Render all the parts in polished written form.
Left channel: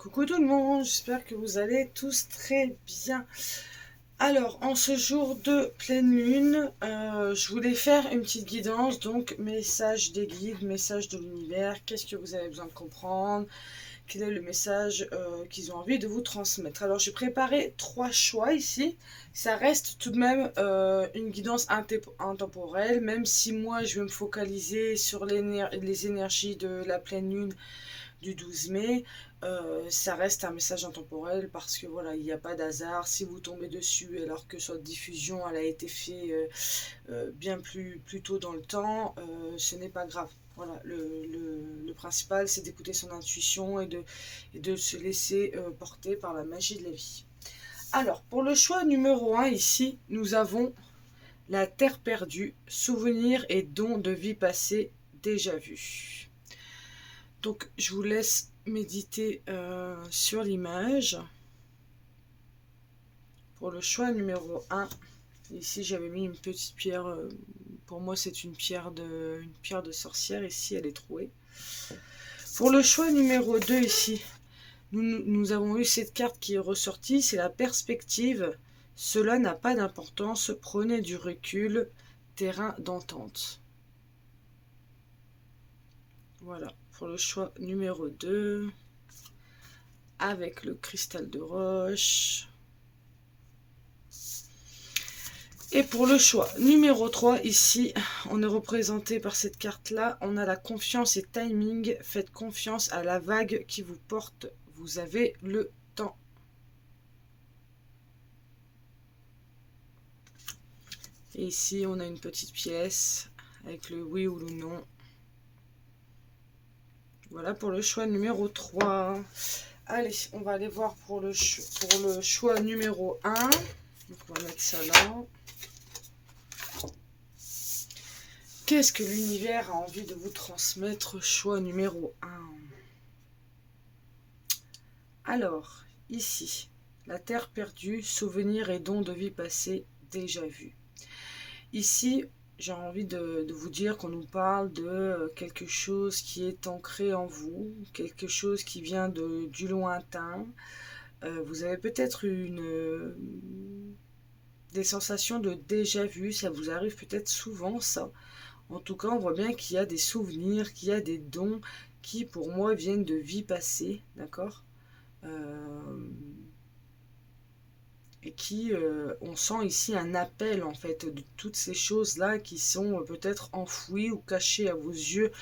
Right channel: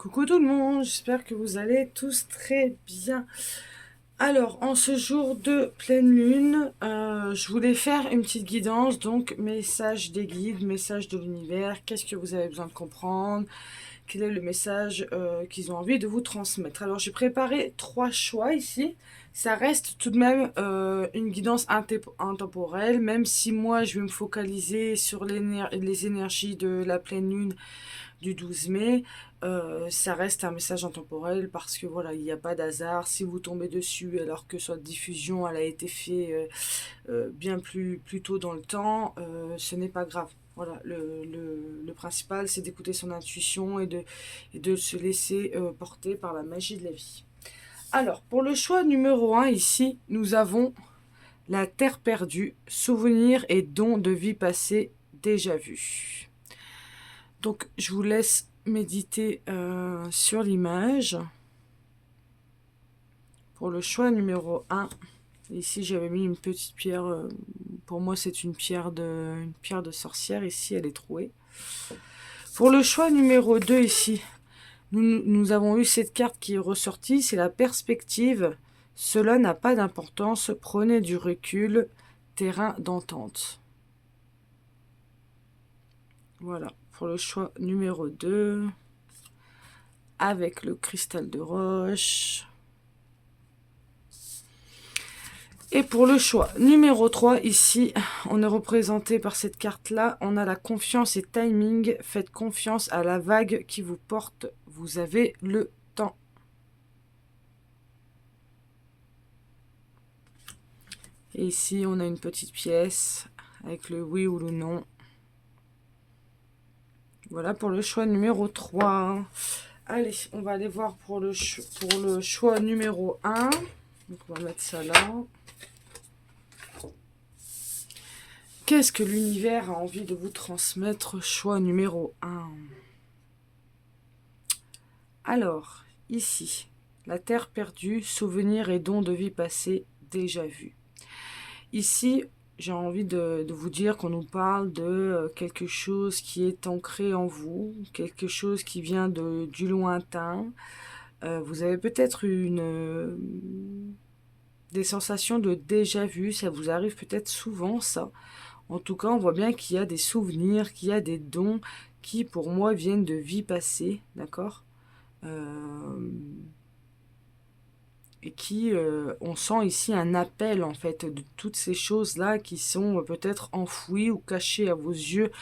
Coucou tout le monde, j'espère que vous allez tous très bien. Alors, en ce jour de pleine lune, je voulais faire une petite guidance, donc message des guides, message de l'univers, qu'est-ce que vous avez besoin de comprendre, quel est le message qu'ils ont envie de vous transmettre. Alors, j'ai préparé 3 choix ici. Ça reste tout de même une guidance intemporelle, même si moi, je vais me focaliser sur les énergies de la pleine lune du 12 mai. Ça reste un message intemporel parce que voilà, il n'y a pas d'hasard. Si vous tombez dessus alors que cette diffusion elle a été faite bien plus tôt dans le temps, ce n'est pas grave. Voilà, le principal c'est d'écouter son intuition et de se laisser porter par la magie de la vie. Alors, pour le choix numéro 1 ici, nous avons la terre perdue, souvenirs et dons de vie passée déjà vus. Donc, je vous laisse méditer sur l'image. Pour le choix numéro 1, ici j'avais mis une petite pierre. Pour moi, c'est une pierre de sorcière. Ici, elle est trouée. Pour le choix numéro 2, ici, nous avons eu cette carte qui est ressortie. C'est la perspective. Cela n'a pas d'importance. Prenez du recul. Terrain d'entente. Voilà. Pour le choix numéro 2, avec le cristal de roche. Et pour le choix numéro 3, ici, on est représenté par cette carte-là. On a la confiance et timing. Faites confiance à la vague qui vous porte. Vous avez le temps. Et ici, on a une petite pièce avec le oui ou le non. Voilà pour le choix numéro 3. Allez, on va aller voir pour le choix numéro 1. Donc, on va mettre ça là. Qu'est-ce que l'univers a envie de vous transmettre? Choix numéro 1. Alors, ici, la terre perdue, souvenirs et dons de vie passée déjà vus. Ici, j'ai envie de vous dire qu'on nous parle de quelque chose qui est ancré en vous, quelque chose qui vient du lointain. Vous avez peut-être des sensations de déjà vu, ça vous arrive peut-être souvent ça. En tout cas, on voit bien qu'il y a des souvenirs, qu'il y a des dons qui, pour moi, viennent de vie passée, d'accord et qui, on sent ici un appel, en fait, de toutes ces choses-là qui sont peut-être enfouies ou cachées à vos yeux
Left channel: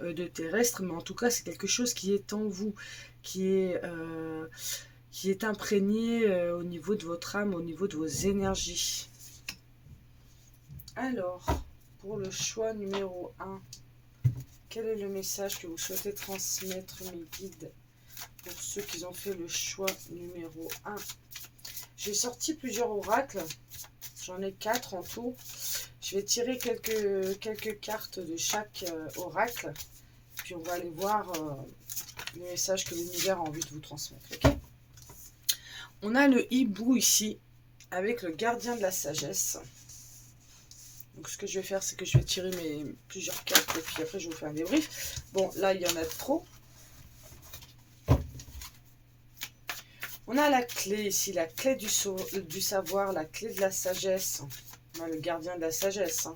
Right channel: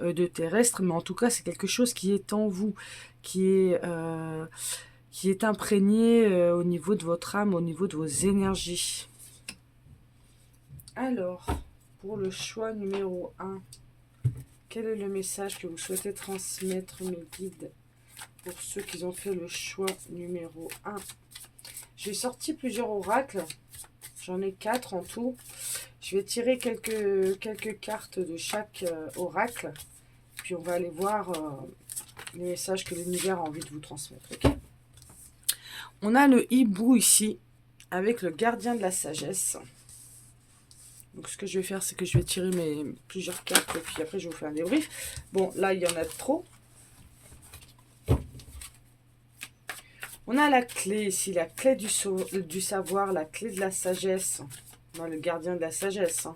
de terrestres, mais en tout cas, c'est quelque chose qui est en vous, qui est imprégné au niveau de votre âme, au niveau de vos énergies. Alors, pour le choix numéro 1, quel est le message que vous souhaitez transmettre, mes guides, pour ceux qui ont fait le choix numéro 1? J'ai sorti plusieurs oracles, j'en ai 4 en tout. Je vais tirer quelques cartes de chaque oracle, puis on va aller voir les messages que l'univers a envie de vous transmettre. Okay, on a le hibou ici, avec le gardien de la sagesse. Donc ce que je vais faire, c'est que je vais tirer plusieurs cartes, et puis après je vais vous faire un débrief. Bon, là, il y en a trop. On a la clé ici, la clé du savoir, la clé de la sagesse. On a le gardien de la sagesse.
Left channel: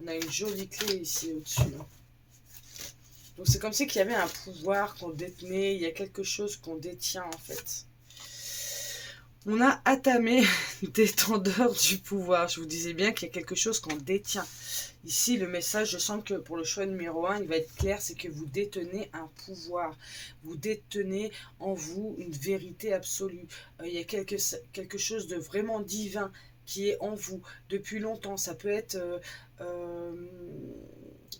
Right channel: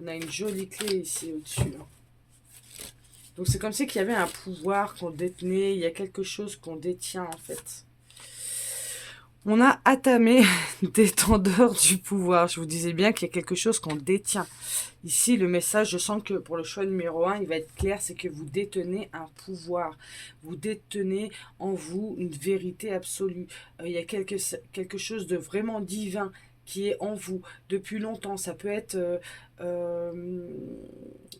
On a une jolie clé ici au-dessus. Donc c'est comme si qu'il y avait un pouvoir qu'on détenait, il y a quelque chose qu'on détient en fait. On a Atamé, détendeur du pouvoir. Je vous disais bien qu'il y a quelque chose qu'on détient. Ici, le message, je sens que pour le choix numéro 1, il va être clair, c'est que vous détenez un pouvoir. Vous détenez en vous une vérité absolue. Il y a quelque chose de vraiment divin qui est en vous depuis longtemps. Ça peut être,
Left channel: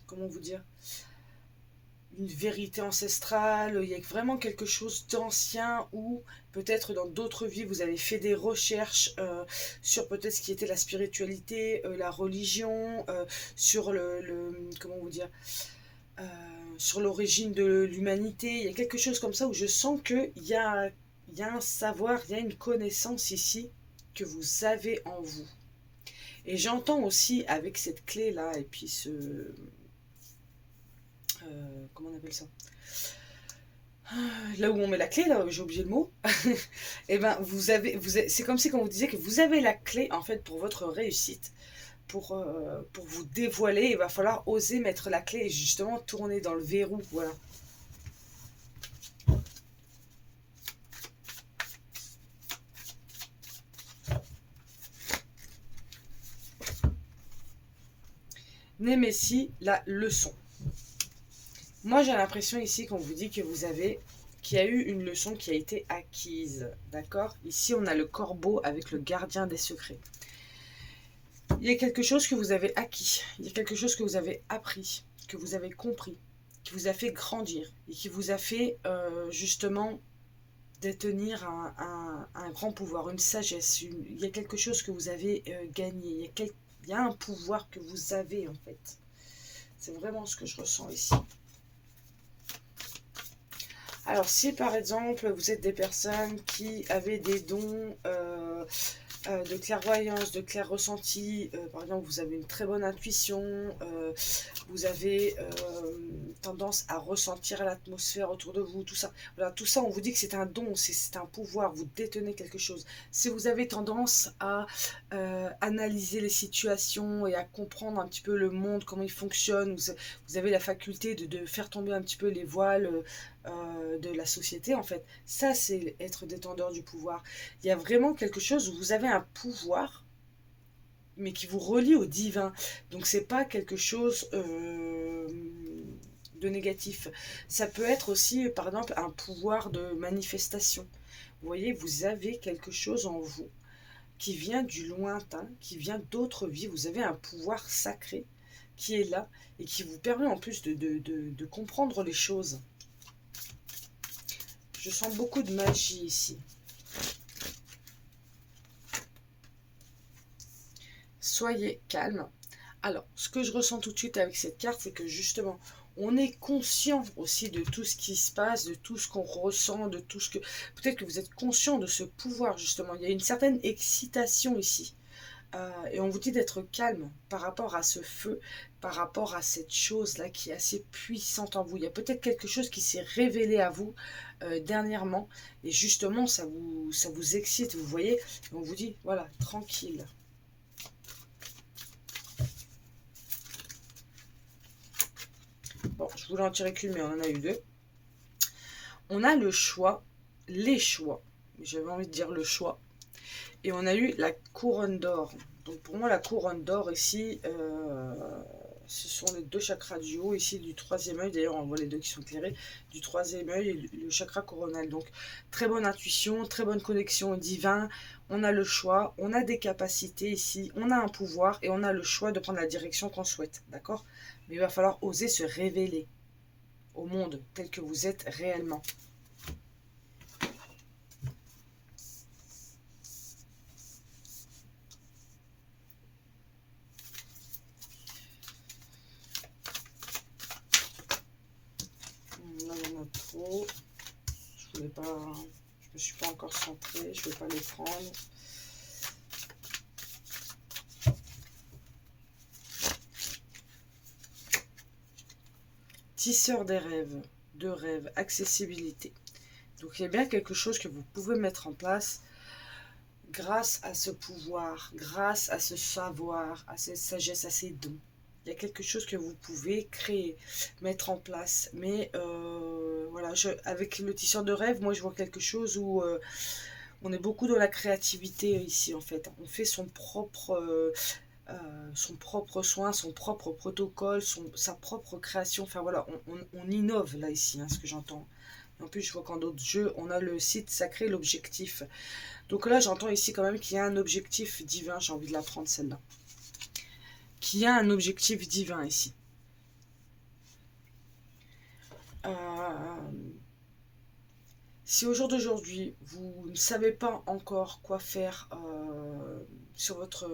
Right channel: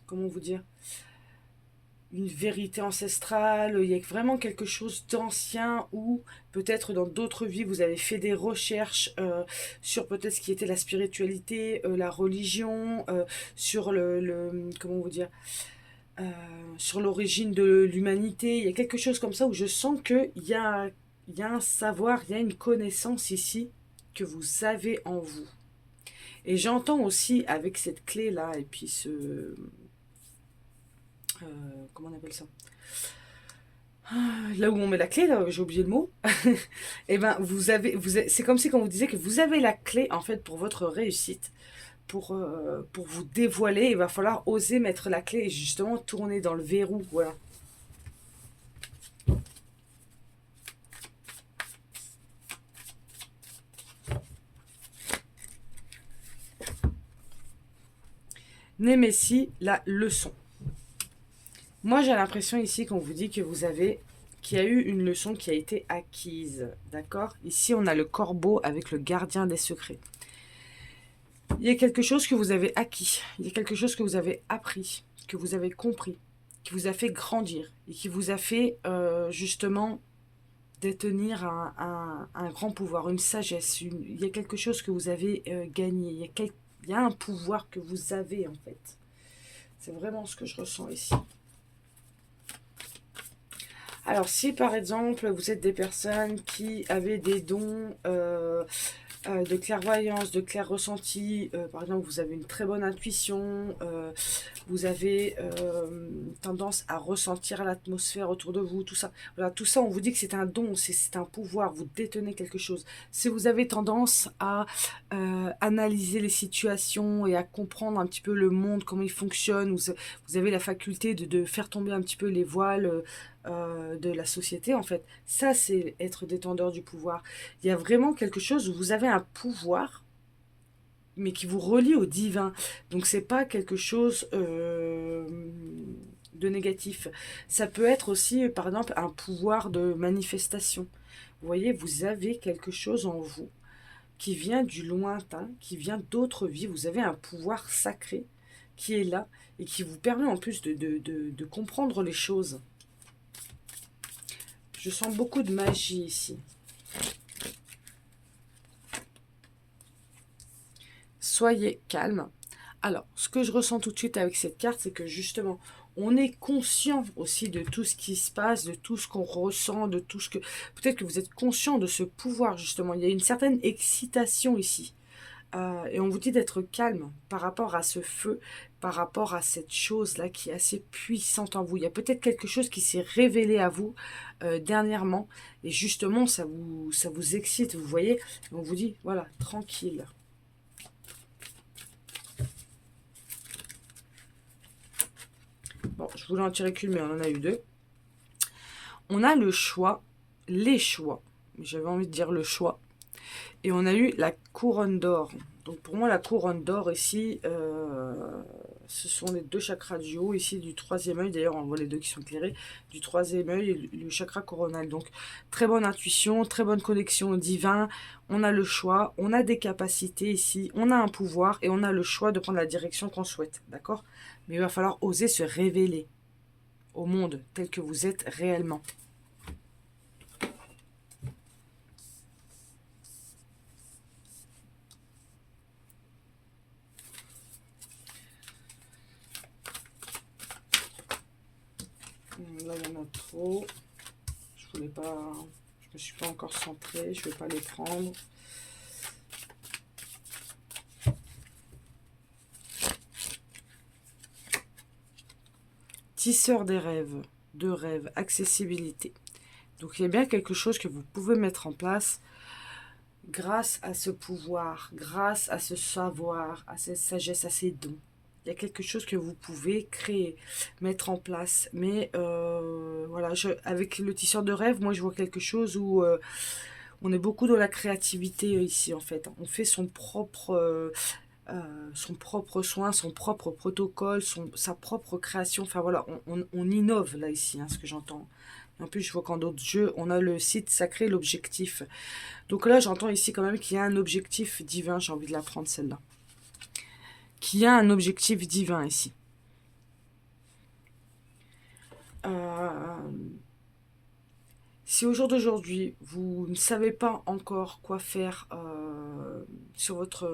comment vous dire, une vérité ancestrale, il y a vraiment quelque chose d'ancien où peut-être dans d'autres vies vous avez fait des recherches sur peut-être ce qui était la spiritualité, la religion, sur comment vous dire, euh, sur l'origine de l'humanité. Il y a quelque chose comme ça où je sens qu'il y a un savoir, il y a une connaissance ici que vous avez en vous. Et j'entends aussi avec cette clé là et puis comment on appelle ça, là où on met la clé, là, j'ai oublié le mot, et ben c'est comme si quand vous disiez que vous avez la clé en fait pour votre réussite, pour vous dévoiler, il va falloir oser mettre la clé et justement tourner dans le verrou, voilà. Némésis, la leçon. Moi, j'ai l'impression ici qu'on vous dit que qu'il y a eu une leçon qui a été acquise, d'accord? Ici, on a le corbeau avec le gardien des secrets. Il y a quelque chose que vous avez acquis, il y a quelque chose que vous avez appris, que vous avez compris, qui vous a fait grandir et qui vous a fait justement détenir un grand pouvoir, une sagesse. Il y a quelque chose que vous avez gagné, il y a un pouvoir que vous avez en fait. C'est vraiment ce que je ressens ici. Alors, si par exemple, vous êtes des personnes qui avaient des dons de clairvoyance, de clair ressenti, par exemple, vous avez une très bonne intuition, vous avez tendance à ressentir l'atmosphère autour de vous, tout ça. Voilà, tout ça, on vous dit que c'est un don, c'est un pouvoir, vous détenez quelque chose. Si vous avez tendance à analyser les situations et à comprendre un petit peu le monde, comment il fonctionne, vous avez la faculté de faire tomber un petit peu les voiles de la société, en fait. Ça, c'est être détendeur du pouvoir. Il y a vraiment quelque chose où vous avez un pouvoir, mais qui vous relie au divin. Donc, c'est pas quelque chose de négatif. Ça peut être aussi, par exemple, un pouvoir de manifestation. Vous voyez, vous avez quelque chose en vous qui vient du lointain, qui vient d'autres vies. Vous avez un pouvoir sacré qui est là et qui vous permet en plus de comprendre les choses. Je sens beaucoup de magie ici. Soyez calme. Alors, ce que je ressens tout de suite avec cette carte, c'est que justement, on est conscient aussi de tout ce qui se passe, de tout ce qu'on ressent, de tout ce que... Peut-être que vous êtes conscient de ce pouvoir, justement. Il y a une certaine excitation ici. Et on vous dit d'être calme par rapport à ce feu, par rapport à cette chose-là qui est assez puissante en vous. Il y a peut-être quelque chose qui s'est révélé à vous dernièrement, et justement, ça vous excite, vous voyez. Et on vous dit, voilà, tranquille. Bon, je voulais en tirer qu'une, mais on en a eu deux. On a le choix, les choix. J'avais envie de dire le choix. Et on a eu la couronne d'or. Donc pour moi, la couronne d'or ici, ce sont les deux chakras du haut, ici du troisième œil. D'ailleurs, on voit les deux qui sont éclairés, du troisième œil et le chakra coronal. Donc très bonne intuition, très bonne connexion au divin. On a le choix, on a des capacités ici, on a un pouvoir et on a le choix de prendre la direction qu'on souhaite. D'accord? Mais il va falloir oser se révéler au monde tel que vous êtes réellement. Là, il y en a trop. Je voulais pas... Je me suis pas encore centrée. Je vais pas les prendre. Tisseur des rêves. De rêves. Accessibilité. Donc, il y a bien quelque chose que vous pouvez mettre en place grâce à ce pouvoir, grâce à ce savoir, à cette sagesse, à ces dons. Il y a quelque chose que vous pouvez créer, mettre en place. Mais voilà, avec le tisseur de rêve, moi je vois quelque chose où on est beaucoup dans la créativité ici en fait. On fait son propre soin, son propre protocole, sa propre création. Enfin voilà, on innove là ici, hein, ce que j'entends. En plus, je vois qu'en d'autres jeux, on a le site sacré, l'objectif. Donc là, j'entends ici quand même qu'il y a un objectif divin. J'ai envie de la prendre celle-là. Qu'il y a un objectif divin ici. Si au jour d'aujourd'hui, vous ne savez pas encore quoi faire sur votre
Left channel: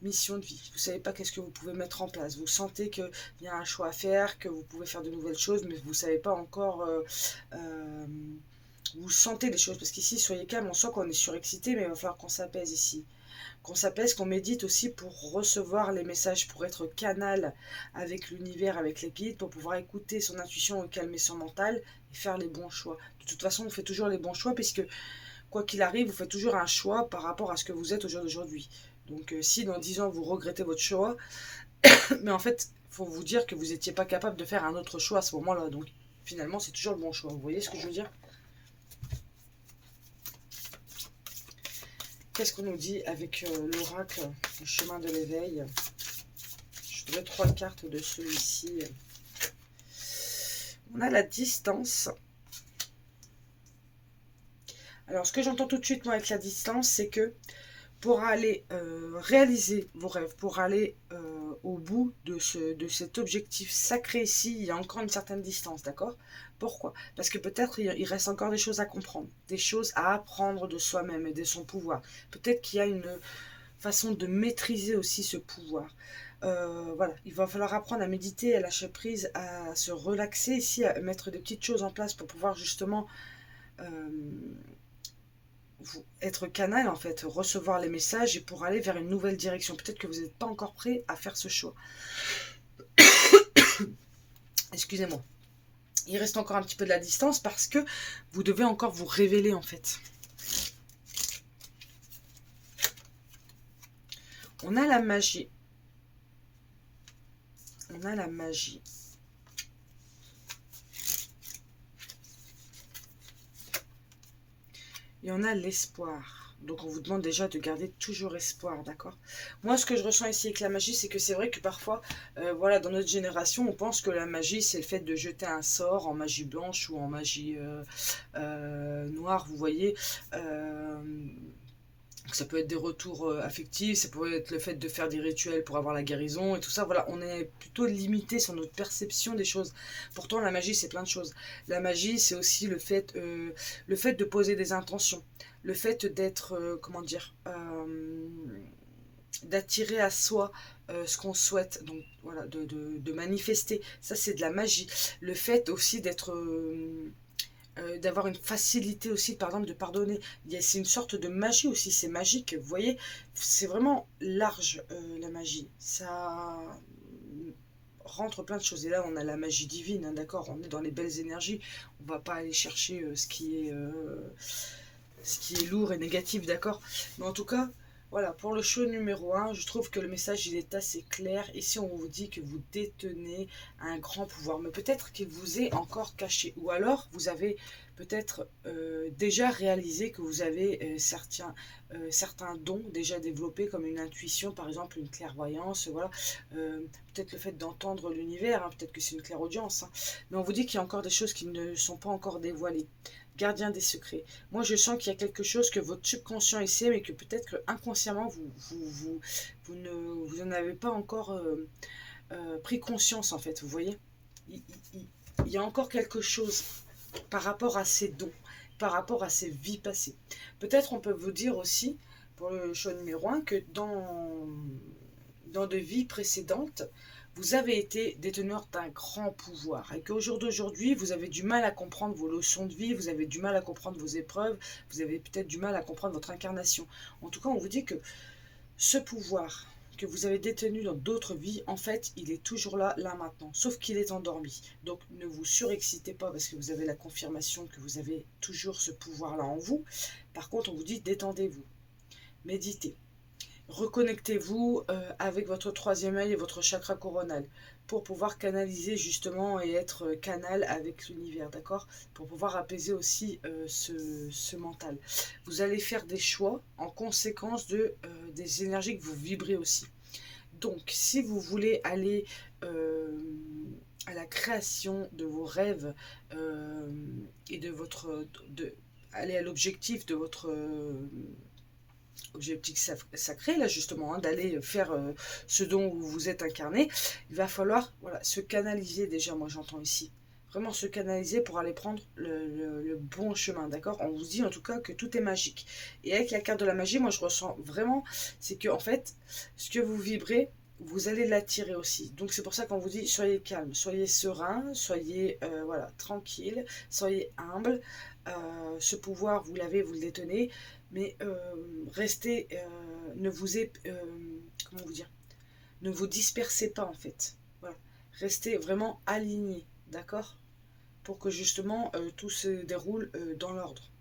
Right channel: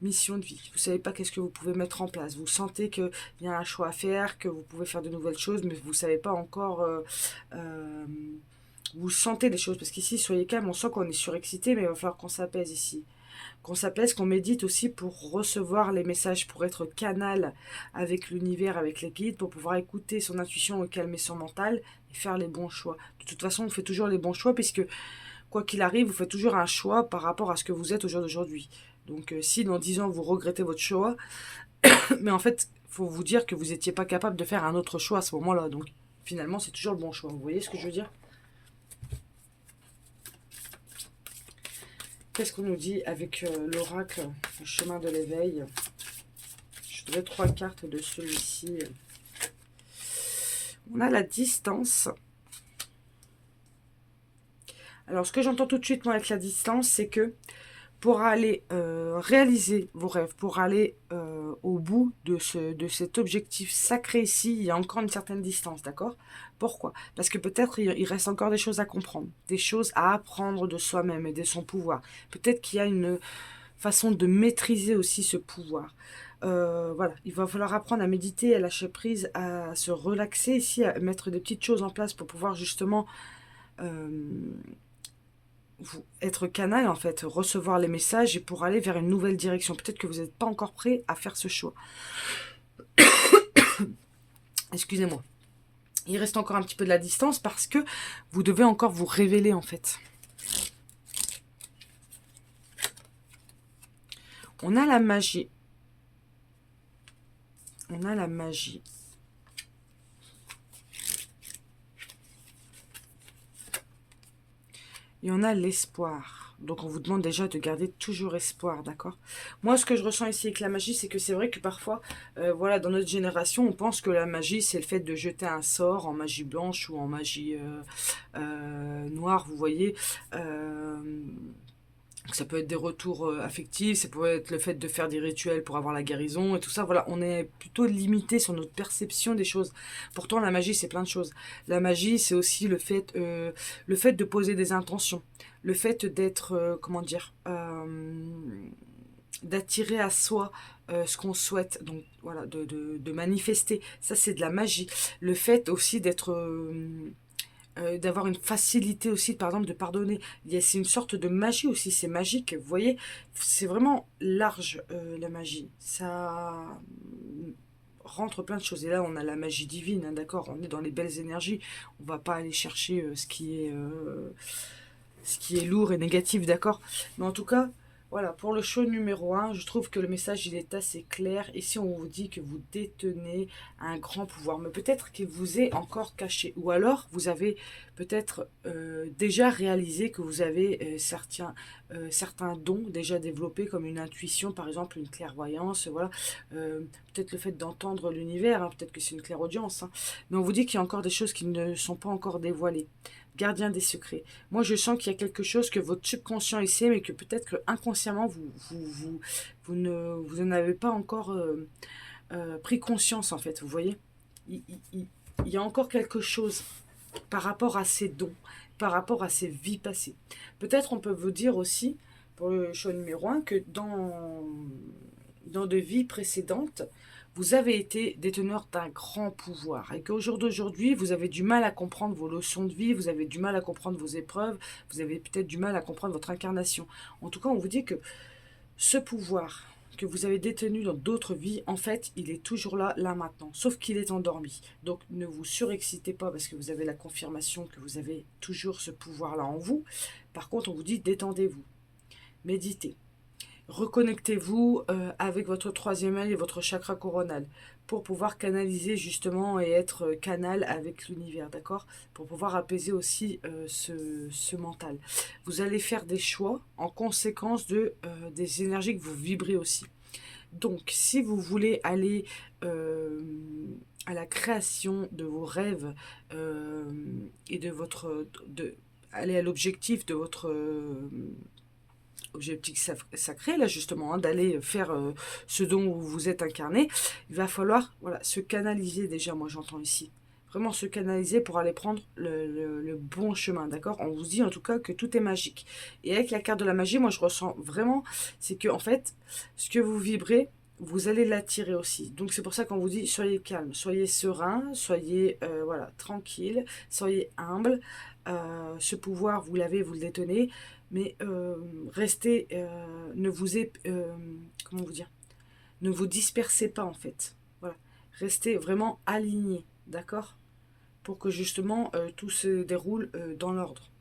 mission de vie, vous ne savez pas qu'est-ce que vous pouvez mettre en place, vous sentez qu'il y a un choix à faire, que vous pouvez faire de nouvelles choses, mais vous ne savez pas encore... vous sentez les choses, parce qu'ici, soyez calme, on sent qu'on est surexcité, mais il va falloir qu'on s'apaise ici. qu'on s'apaise, qu'on médite aussi pour recevoir les messages, pour être canal avec l'univers, avec les guides, pour pouvoir écouter son intuition, calmer son mental et faire les bons choix. De toute façon, on fait toujours les bons choix puisque quoi qu'il arrive, vous faites toujours un choix par rapport à ce que vous êtes au jour d'aujourd'hui. Donc si dans 10 ans vous regrettez votre choix, mais en fait, il faut vous dire que vous n'étiez pas capable de faire un autre choix à ce moment-là. Donc finalement, c'est toujours le bon choix. Vous voyez ce que je veux dire? Qu'est-ce qu'on nous dit avec l'oracle, le chemin de l'éveil? Je voudrais 3 cartes de celui-ci. On a la distance. Alors, ce que j'entends tout de suite, moi, avec la distance, c'est que pour aller réaliser vos rêves, pour aller au bout de cet objectif sacré ici, il y a encore une certaine distance, d'accord? Pourquoi? Parce que peut-être il reste encore des choses à comprendre, des choses à apprendre de soi-même et de son pouvoir. Peut-être qu'il y a une façon de maîtriser aussi ce pouvoir. Voilà, il va falloir apprendre à méditer, à lâcher prise, à se relaxer ici, à mettre des petites choses en place pour pouvoir justement être canal en fait, recevoir les messages et pour aller vers une nouvelle direction. Peut-être que vous n'êtes pas encore prêt à faire ce choix. Excusez-moi. Il reste encore un petit peu de la distance parce que vous devez encore vous révéler en fait. On a la magie. On a la magie. Et on a l'espoir. Donc on vous demande déjà de garder toujours espoir, d'accord? Moi, ce que je ressens ici avec la magie, c'est que c'est vrai que parfois, voilà, dans notre génération, on pense que la magie, c'est le fait de jeter un sort en magie blanche ou en magie noire, vous voyez. Ça peut être des retours affectifs, ça peut être le fait de faire des rituels pour avoir la guérison et tout ça. Voilà, on est plutôt limité sur notre perception des choses. Pourtant, la magie, c'est plein de choses. La magie, c'est aussi le fait de poser des intentions, le fait d'être, comment dire, d'attirer à soi ce qu'on souhaite, donc voilà, de manifester. Ça, c'est de la magie. Le fait aussi d'être d'avoir une facilité aussi, par exemple, de pardonner. C'est une sorte de magie aussi, c'est magique, vous voyez, c'est vraiment large la magie. Ça rentre plein de choses. Et là, on a la magie divine, hein, d'accord, on est dans les belles énergies, on va pas aller chercher ce qui est lourd et négatif, d'accord. Mais en tout cas, voilà, pour le show numéro 1, je trouve que le message il est assez clair. Ici, on vous dit que vous détenez un grand pouvoir, mais peut-être qu'il vous est encore caché. Ou alors, vous avez peut-être déjà réalisé que vous avez certains dons déjà développés, comme une intuition, par exemple, une clairvoyance, voilà. Peut-être le fait d'entendre l'univers, hein, peut-être que c'est une clairaudience. Hein. Mais on vous dit qu'il y a encore des choses qui ne sont pas encore dévoilées. Gardien des secrets. Moi, je sens qu'il y a quelque chose que votre subconscient essaie, mais que peut-être que inconsciemment, vous n'en avez pas encore pris conscience, en fait. Vous voyez, il y a encore quelque chose par rapport à ces dons, par rapport à ces vies passées. Peut-être on peut vous dire aussi, pour le choix numéro 1, que dans de vies précédentes, vous avez été déteneur d'un grand pouvoir et qu'au jour d'aujourd'hui, vous avez du mal à comprendre vos leçons de vie, vous avez du mal à comprendre vos épreuves, vous avez peut-être du mal à comprendre votre incarnation. En tout cas, on vous dit que ce pouvoir que vous avez détenu dans d'autres vies, en fait, il est toujours là, là maintenant, sauf qu'il est endormi. Donc ne vous surexcitez pas parce que vous avez la confirmation que vous avez toujours ce pouvoir-là en vous. Par contre, on vous dit détendez-vous, méditez. Reconnectez-vous avec votre troisième œil et votre chakra coronal pour pouvoir canaliser justement et être canal avec l'univers, d'accord? Pour pouvoir apaiser aussi ce mental. Vous allez faire des choix en conséquence des énergies que vous vibrez aussi. Donc, si vous voulez aller à la création de vos rêves et aller à l'objectif de votre objectif sacré, là justement, hein, d'aller faire ce dont vous êtes incarné, il va falloir voilà, se canaliser déjà, moi j'entends ici. Vraiment se canaliser pour aller prendre le bon chemin, d'accord? On vous dit en tout cas que tout est magique. Et avec la carte de la magie, moi je ressens vraiment, c'est que en fait, ce que vous vibrez, vous allez l'attirer aussi. Donc c'est pour ça qu'on vous dit soyez calme, soyez serein, soyez voilà, tranquille, soyez humble. Ce pouvoir, vous l'avez, vous le détenez, mais restez, ne vous comment vous dire, ne vous dispersez pas en fait. Voilà. Restez vraiment alignés, d'accord? Pour que justement tout se déroule dans l'ordre.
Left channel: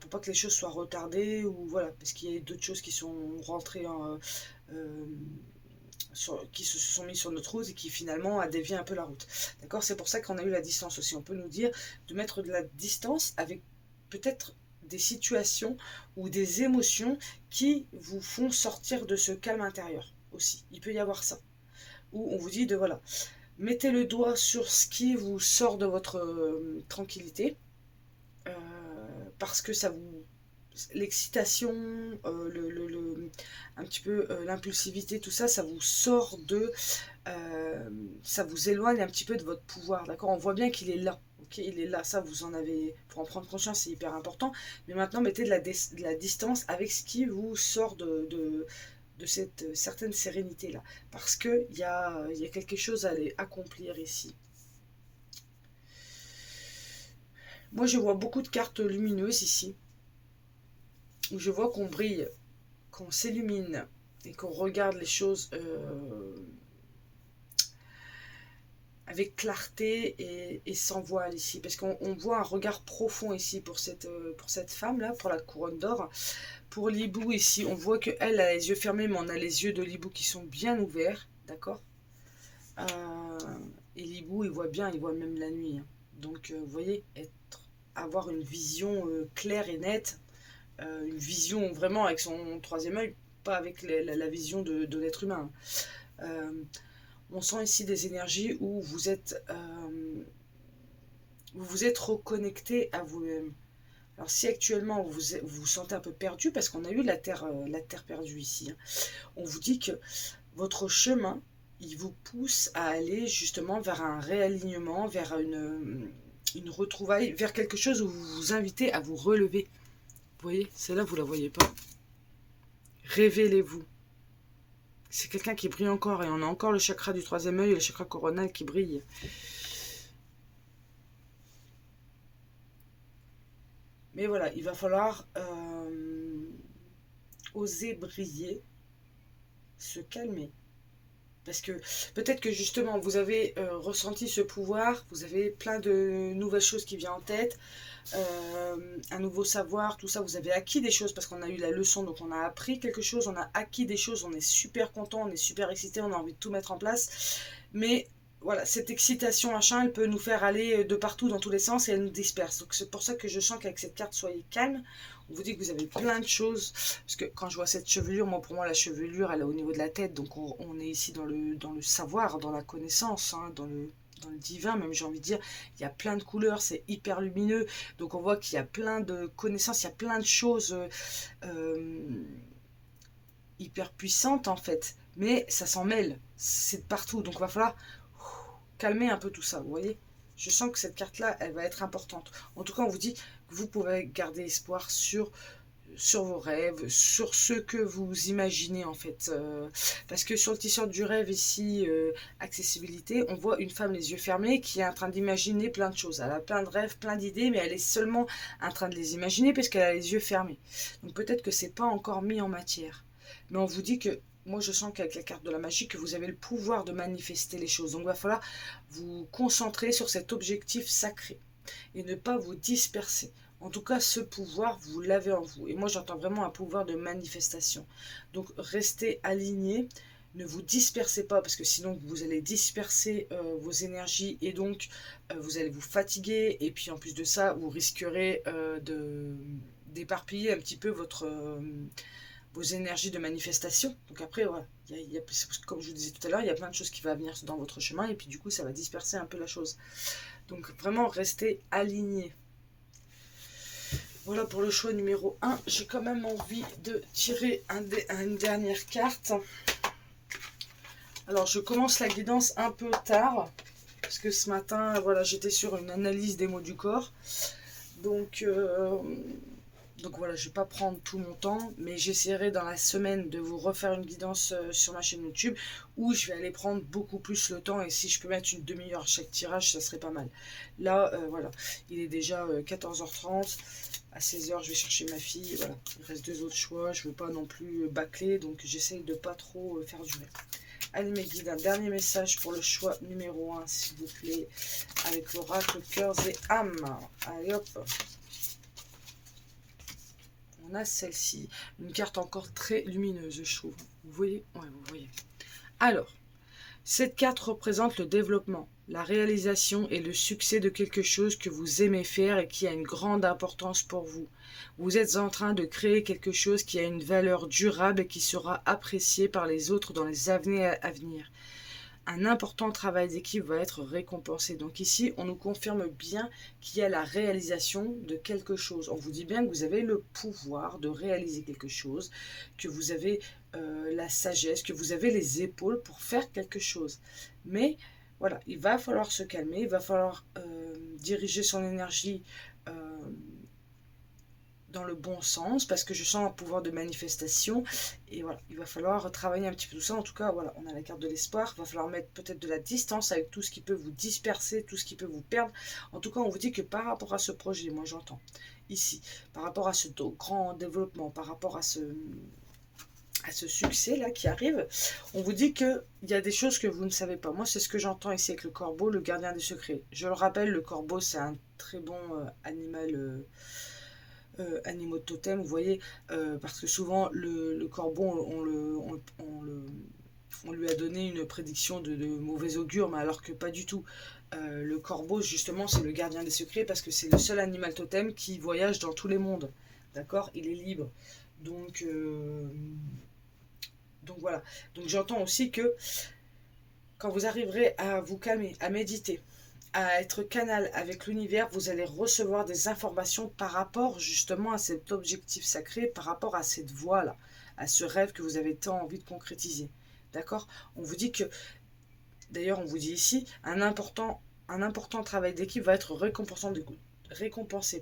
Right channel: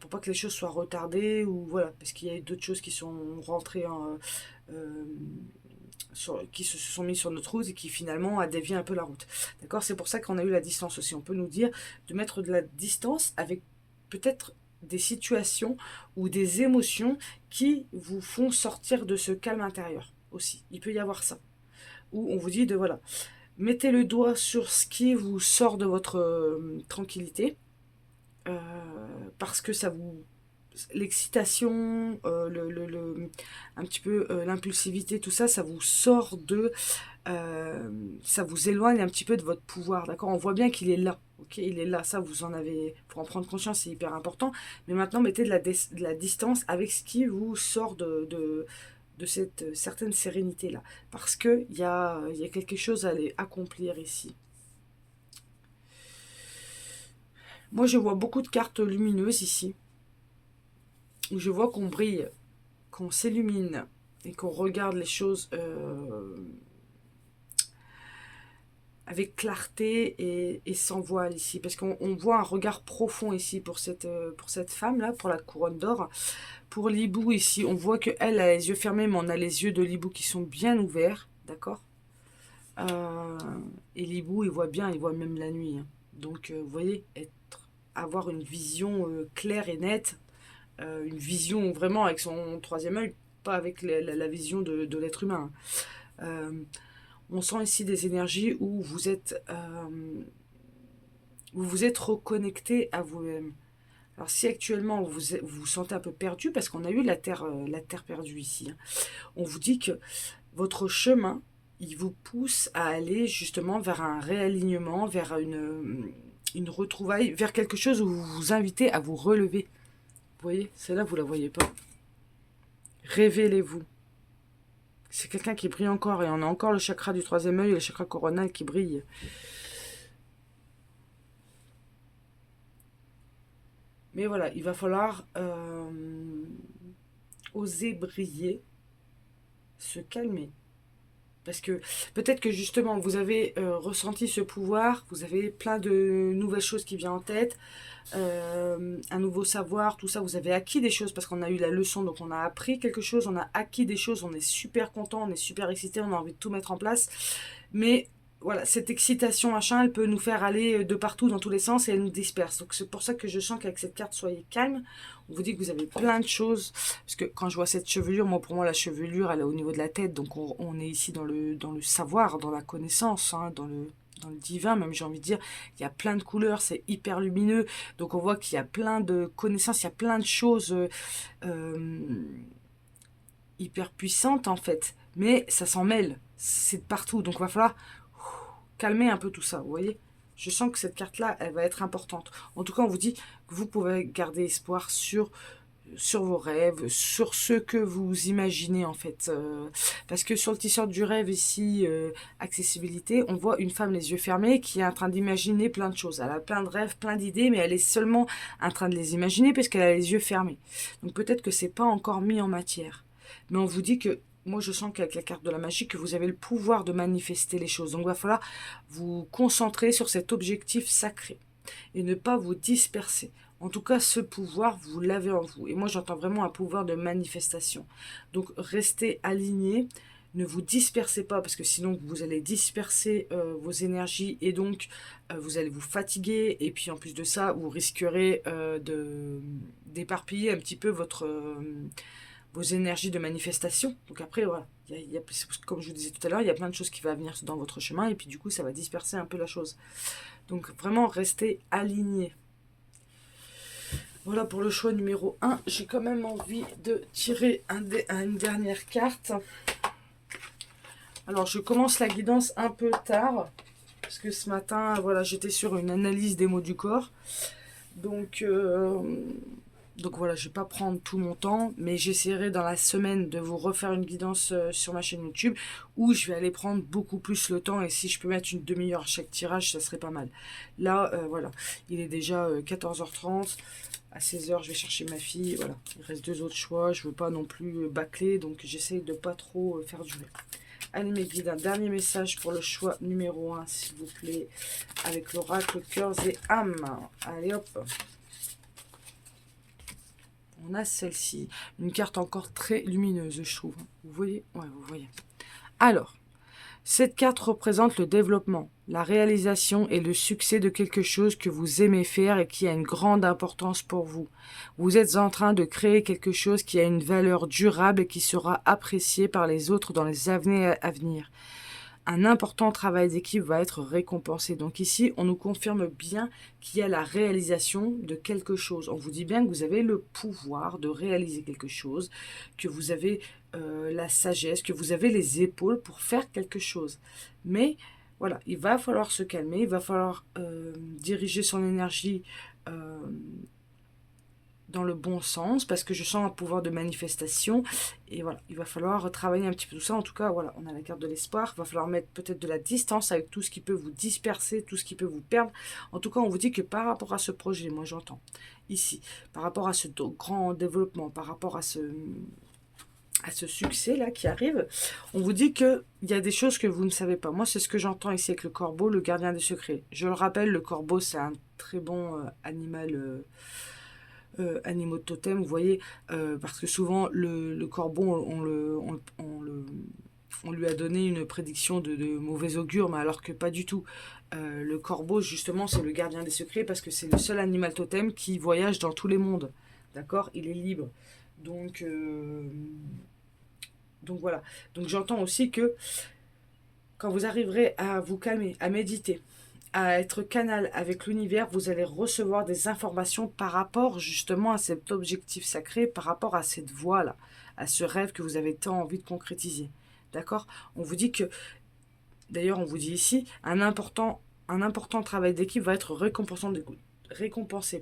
Pour pas que les choses soient retardées ou voilà, parce qu'il y a d'autres choses qui sont rentrées euh, qui se sont mis sur notre route et qui finalement a dévié un peu la route. D'accord? C'est pour ça qu'on a eu la distance aussi. On peut nous dire de mettre de la distance avec peut-être des situations ou des émotions qui vous font sortir de ce calme intérieur aussi. Il peut y avoir ça. Où on vous dit de voilà, mettez le doigt sur ce qui vous sort de votre tranquillité, euh, parce que ça vous l'excitation, un petit peu l'impulsivité, tout ça, ça vous sort de, ça vous éloigne un petit peu de votre pouvoir, d'accord? On voit bien qu'il est là, ok? Il est là, ça vous en avez, pour en prendre conscience, c'est hyper important. Mais maintenant, mettez de la distance avec ce qui vous sort de cette certaine sérénité là, parce que il y a quelque chose à aller accomplir ici. Moi, je vois beaucoup de cartes lumineuses ici, où je vois qu'on brille, qu'on s'illumine et qu'on regarde les choses avec clarté et sans voile ici. Parce qu'on voit un regard profond ici pour cette femme-là, pour la couronne d'or. Pour l'hibou ici, on voit qu'elle a les yeux fermés, mais on a les yeux de l'hibou qui sont bien ouverts, d'accord. euh, Et l'hibou, il voit bien, il voit même la nuit, hein. Donc, vous voyez, avoir une vision claire et nette, une vision vraiment avec son troisième œil, pas avec la vision de l'être humain. On sent ici des énergies où vous vous êtes reconnecté à vous-même. Alors si actuellement vous vous sentez un peu perdu, parce qu'on a eu la terre perdue ici, hein, on vous dit que votre chemin, il vous pousse à aller justement vers un réalignement, vers une retrouvaille, vers quelque chose où vous vous invitez à vous relever. Vous voyez, celle-là, vous la voyez pas. Révélez-vous. C'est quelqu'un qui brille encore et on a encore le chakra du troisième œil et le chakra coronal qui brille. Mais voilà, il va falloir oser briller, se calmer. Parce que peut-être que justement vous avez ressenti ce pouvoir, vous avez plein de nouvelles choses qui viennent en tête, un nouveau savoir, tout ça, vous avez acquis des choses parce qu'on a eu la leçon, donc on a appris quelque chose, on a acquis des choses, on est super content, on est super excité, on a envie de tout mettre en place. Mais voilà, cette excitation, machin, elle peut nous faire aller de partout, dans tous les sens, et elle nous disperse. Donc c'est pour ça que je sens qu'avec cette carte, soyez calme. On vous dit que vous avez plein de choses. Parce que quand je vois cette chevelure, moi pour moi la chevelure, elle est au niveau de la tête. Donc on est ici dans le savoir, dans la connaissance, hein, dans le divin, même j'ai envie de dire. Il y a plein de couleurs, c'est hyper lumineux. Donc on voit qu'il y a plein de connaissances, il y a plein de choses euh, hyper puissantes en fait. Mais ça s'en mêle, c'est de partout. Donc il va falloir calmer un peu tout ça, vous voyez. Je sens que cette carte-là, elle va être importante. En tout cas, on vous dit que vous pouvez garder espoir sur vos rêves, sur ce que vous imaginez en fait. Parce que sur le t-shirt du rêve ici, accessibilité, on voit une femme les yeux fermés qui est en train d'imaginer plein de choses. Elle a plein de rêves, plein d'idées, mais elle est seulement en train de les imaginer parce qu'elle a les yeux fermés. Donc peut-être que c'est pas encore mis en matière. Mais on vous dit que moi je sens qu'avec la carte de la magie, que vous avez le pouvoir de manifester les choses. Donc il va falloir vous concentrer sur cet objectif sacré et ne pas vous disperser. En tout cas, ce pouvoir, vous l'avez en vous. Et moi, j'entends vraiment un pouvoir de manifestation. Donc, restez alignés. Ne vous dispersez pas, parce que sinon, vous allez disperser vos énergies et donc, vous allez vous fatiguer. Et puis, en plus de ça, vous risquerez d'éparpiller un petit peu vos énergies de manifestation. Donc après, voilà, comme je vous disais tout à l'heure, il y a plein de choses qui vont venir dans votre chemin. Et puis, du coup, ça va disperser un peu la chose. Donc, vraiment, restez alignés. Voilà pour le choix numéro 1. J'ai quand même envie de tirer une dernière carte. Alors, je commence la guidance un peu tard. Parce que ce matin, voilà, j'étais sur une analyse des mots du corps. Donc, Donc voilà, je vais pas prendre tout mon temps, mais j'essaierai dans la semaine de vous refaire une guidance sur ma chaîne YouTube où je vais aller prendre beaucoup plus le temps et si je peux mettre une demi-heure chaque tirage, ça serait pas mal. Là, voilà, il est déjà 14h30. À 16h, je vais chercher ma fille. Voilà, il reste deux autres choix. Je veux pas non plus bâcler, donc j'essaye de pas trop faire durer. Allez mes guides, un dernier message pour le choix numéro 1, s'il vous plaît, avec l'oracle cœurs et âmes. Allez hop. On a celle-ci, une carte encore très lumineuse, je trouve. Vous voyez? Ouais, vous voyez. Alors, cette carte représente le développement, la réalisation et le succès de quelque chose que vous aimez faire et qui a une grande importance pour vous. Vous êtes en train de créer quelque chose qui a une valeur durable et qui sera apprécié par les autres dans les années à venir. Un important travail d'équipe va être récompensé. Donc ici, on nous confirme bien qu'il y a la réalisation de quelque chose. On vous dit bien que vous avez le pouvoir de réaliser quelque chose, que vous avez la sagesse, que vous avez les épaules pour faire quelque chose. Mais voilà, il va falloir se calmer, il va falloir diriger son énergie dans le bon sens parce que je sens un pouvoir de manifestation et voilà, il va falloir travailler un petit peu tout ça. En tout cas, voilà, on a la carte de l'espoir, il va falloir mettre peut-être de la distance avec tout ce qui peut vous disperser, tout ce qui peut vous perdre. En tout cas, on vous dit que par rapport à ce projet, moi j'entends ici, par rapport à ce grand développement, par rapport à ce succès là qui arrive, on vous dit qu'il y a des choses que vous ne savez pas. Moi, c'est ce que j'entends ici avec le corbeau, le gardien des secrets. Je le rappelle, le corbeau, c'est un très bon animal animaux de totem, vous voyez, parce que souvent le corbeau, on lui a donné une prédiction de mauvais augure, mais alors que pas du tout. Le corbeau, justement, c'est le gardien des secrets parce que c'est le seul animal totem qui voyage dans tous les mondes. D'accord? Il est libre. Donc, donc voilà. Donc j'entends aussi que quand vous arriverez à vous calmer, à méditer, à être canal avec l'univers, vous allez recevoir des informations par rapport justement à cet objectif sacré, par rapport à cette voie-là, à ce rêve que vous avez tant envie de concrétiser. D'accord? On vous dit que, d'ailleurs on vous dit ici, un important travail d'équipe va être récompensé.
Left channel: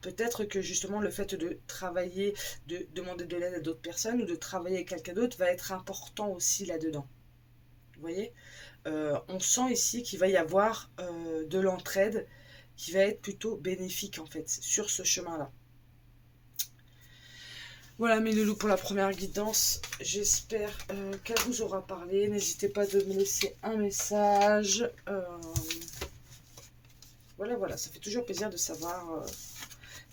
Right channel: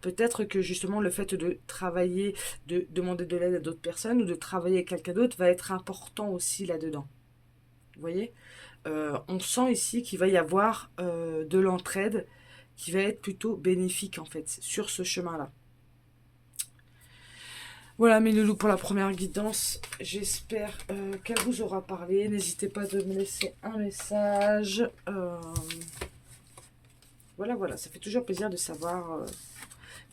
Peut-être que justement le fait de travailler, de demander de l'aide à d'autres personnes ou de travailler avec quelqu'un d'autre va être important aussi là-dedans. Vous voyez? On sent ici qu'il va y avoir de l'entraide qui va être plutôt bénéfique en fait sur ce chemin-là. Voilà mes loulous pour la première guidance. J'espère qu'elle vous aura parlé. N'hésitez pas de me laisser un message. Voilà, ça fait toujours plaisir de savoir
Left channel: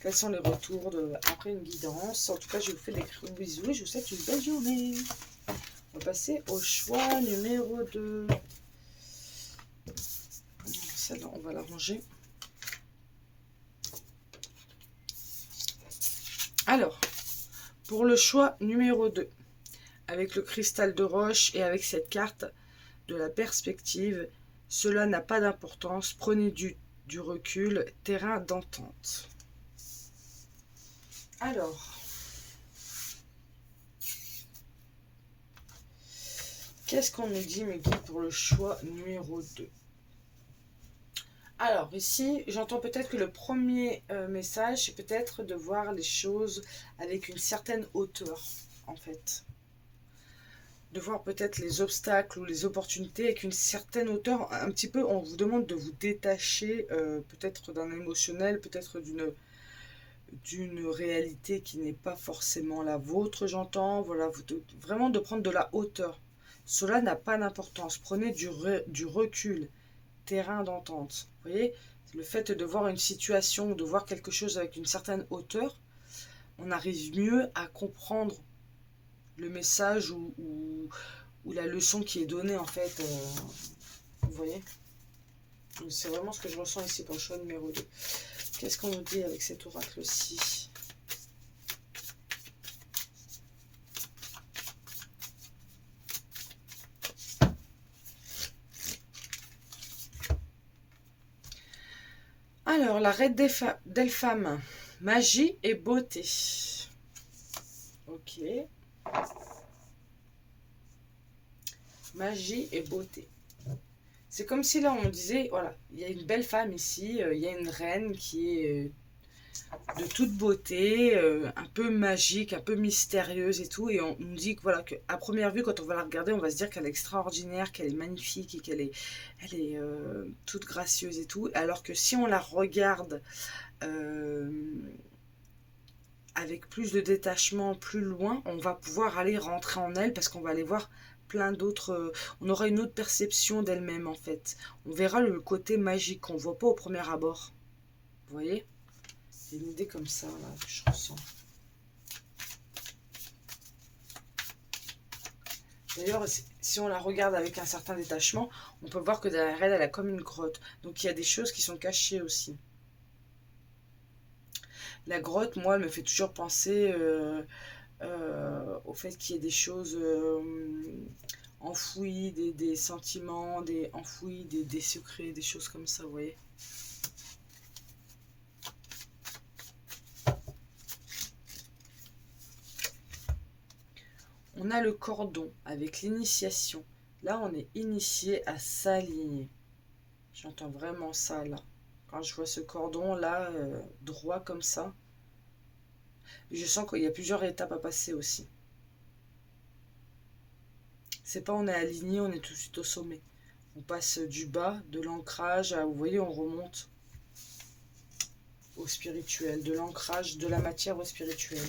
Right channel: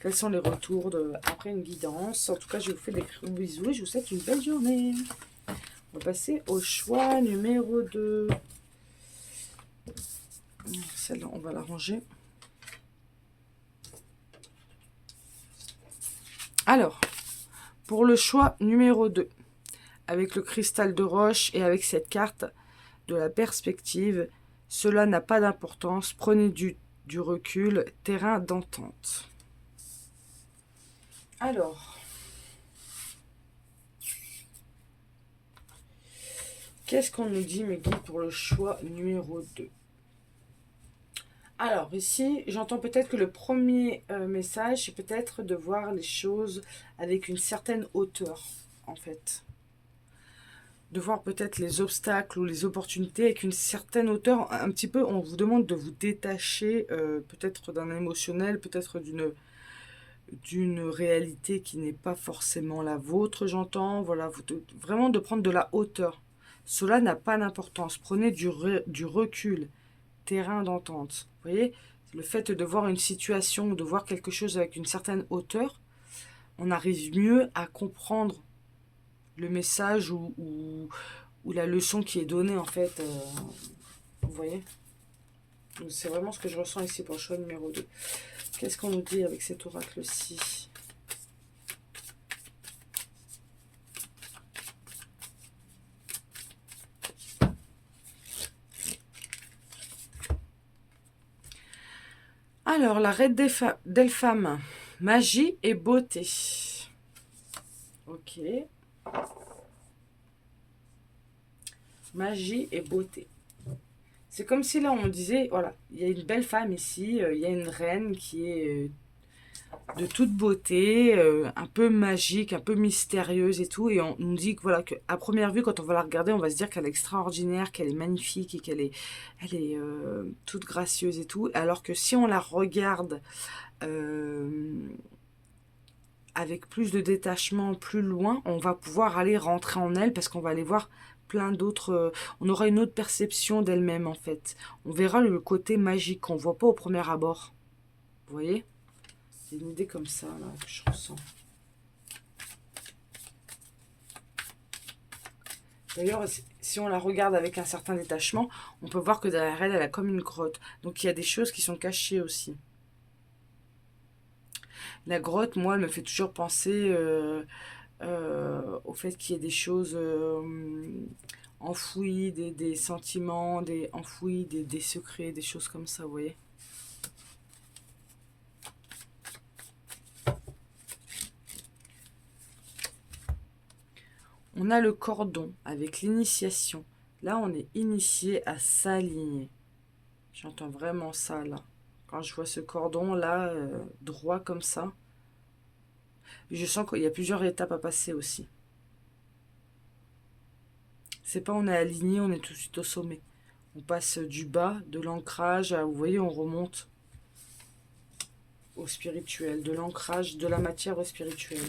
quels sont les retours après une guidance. En tout cas, je vous fais des gros bisous et je vous souhaite une belle journée. On va passer au choix numéro 2. Celle-là, on va la ranger. Alors, pour le choix numéro 2, avec le cristal de roche et avec cette carte de la perspective, cela n'a pas d'importance, prenez du recul, terrain d'entente. Alors, qu'est-ce qu'on nous dit, mes guides, pour le choix numéro 2? Alors, ici, j'entends peut-être que le premier message, c'est peut-être de voir les choses avec une certaine hauteur, en fait. De voir peut-être les obstacles ou les opportunités avec une certaine hauteur. Un petit peu, on vous demande de vous détacher peut-être d'un émotionnel, peut-être d'une réalité qui n'est pas forcément la vôtre, j'entends. Voilà, vraiment de prendre de la hauteur. Cela n'a pas d'importance. Prenez du recul, terrain d'entente. Vous voyez, le fait de voir une situation, de voir quelque chose avec une certaine hauteur, on arrive mieux à comprendre le message ou la leçon qui est donnée en fait. Vous voyez, c'est vraiment ce que je ressens ici pour le choix numéro 2. Qu'est-ce qu'on nous dit avec cet oracle-ci? Alors, la reine des femmes, magie et beauté. Ok. Magie et beauté. C'est comme si là on disait, voilà, il y a une belle femme ici, il y a une reine qui est de toute beauté, un peu magique, un peu mystérieuse et tout. Et on nous dit que voilà, qu'à première vue, quand on va la regarder, on va se dire qu'elle est extraordinaire, qu'elle est magnifique et elle est toute gracieuse et tout. Alors que si on la regarde euh, avec plus de détachement, plus loin, on va pouvoir aller rentrer en elle parce qu'on va aller voir plein d'autres. On aura une autre perception d'elle-même en fait. On verra le côté magique qu'on voit pas au premier abord. Vous voyez? C'est une idée comme ça là, que je ressens. D'ailleurs, si on la regarde avec un certain détachement, on peut voir que derrière elle, elle a comme une grotte. Donc il y a des choses qui sont cachées aussi. La grotte, moi, elle me fait toujours penser au fait qu'il y ait des choses enfouies, des sentiments, des enfouis, des secrets, des choses comme ça, vous voyez. On a le cordon avec l'initiation. Là, on est initié à s'aligner. J'entends vraiment ça, là. Quand je vois ce cordon, là, droit comme ça, je sens qu'il y a plusieurs étapes à passer aussi. C'est pas on est aligné, on est tout de suite au sommet. On passe du bas, de l'ancrage, vous voyez, on remonte au spirituel, de l'ancrage, de la matière au spirituel.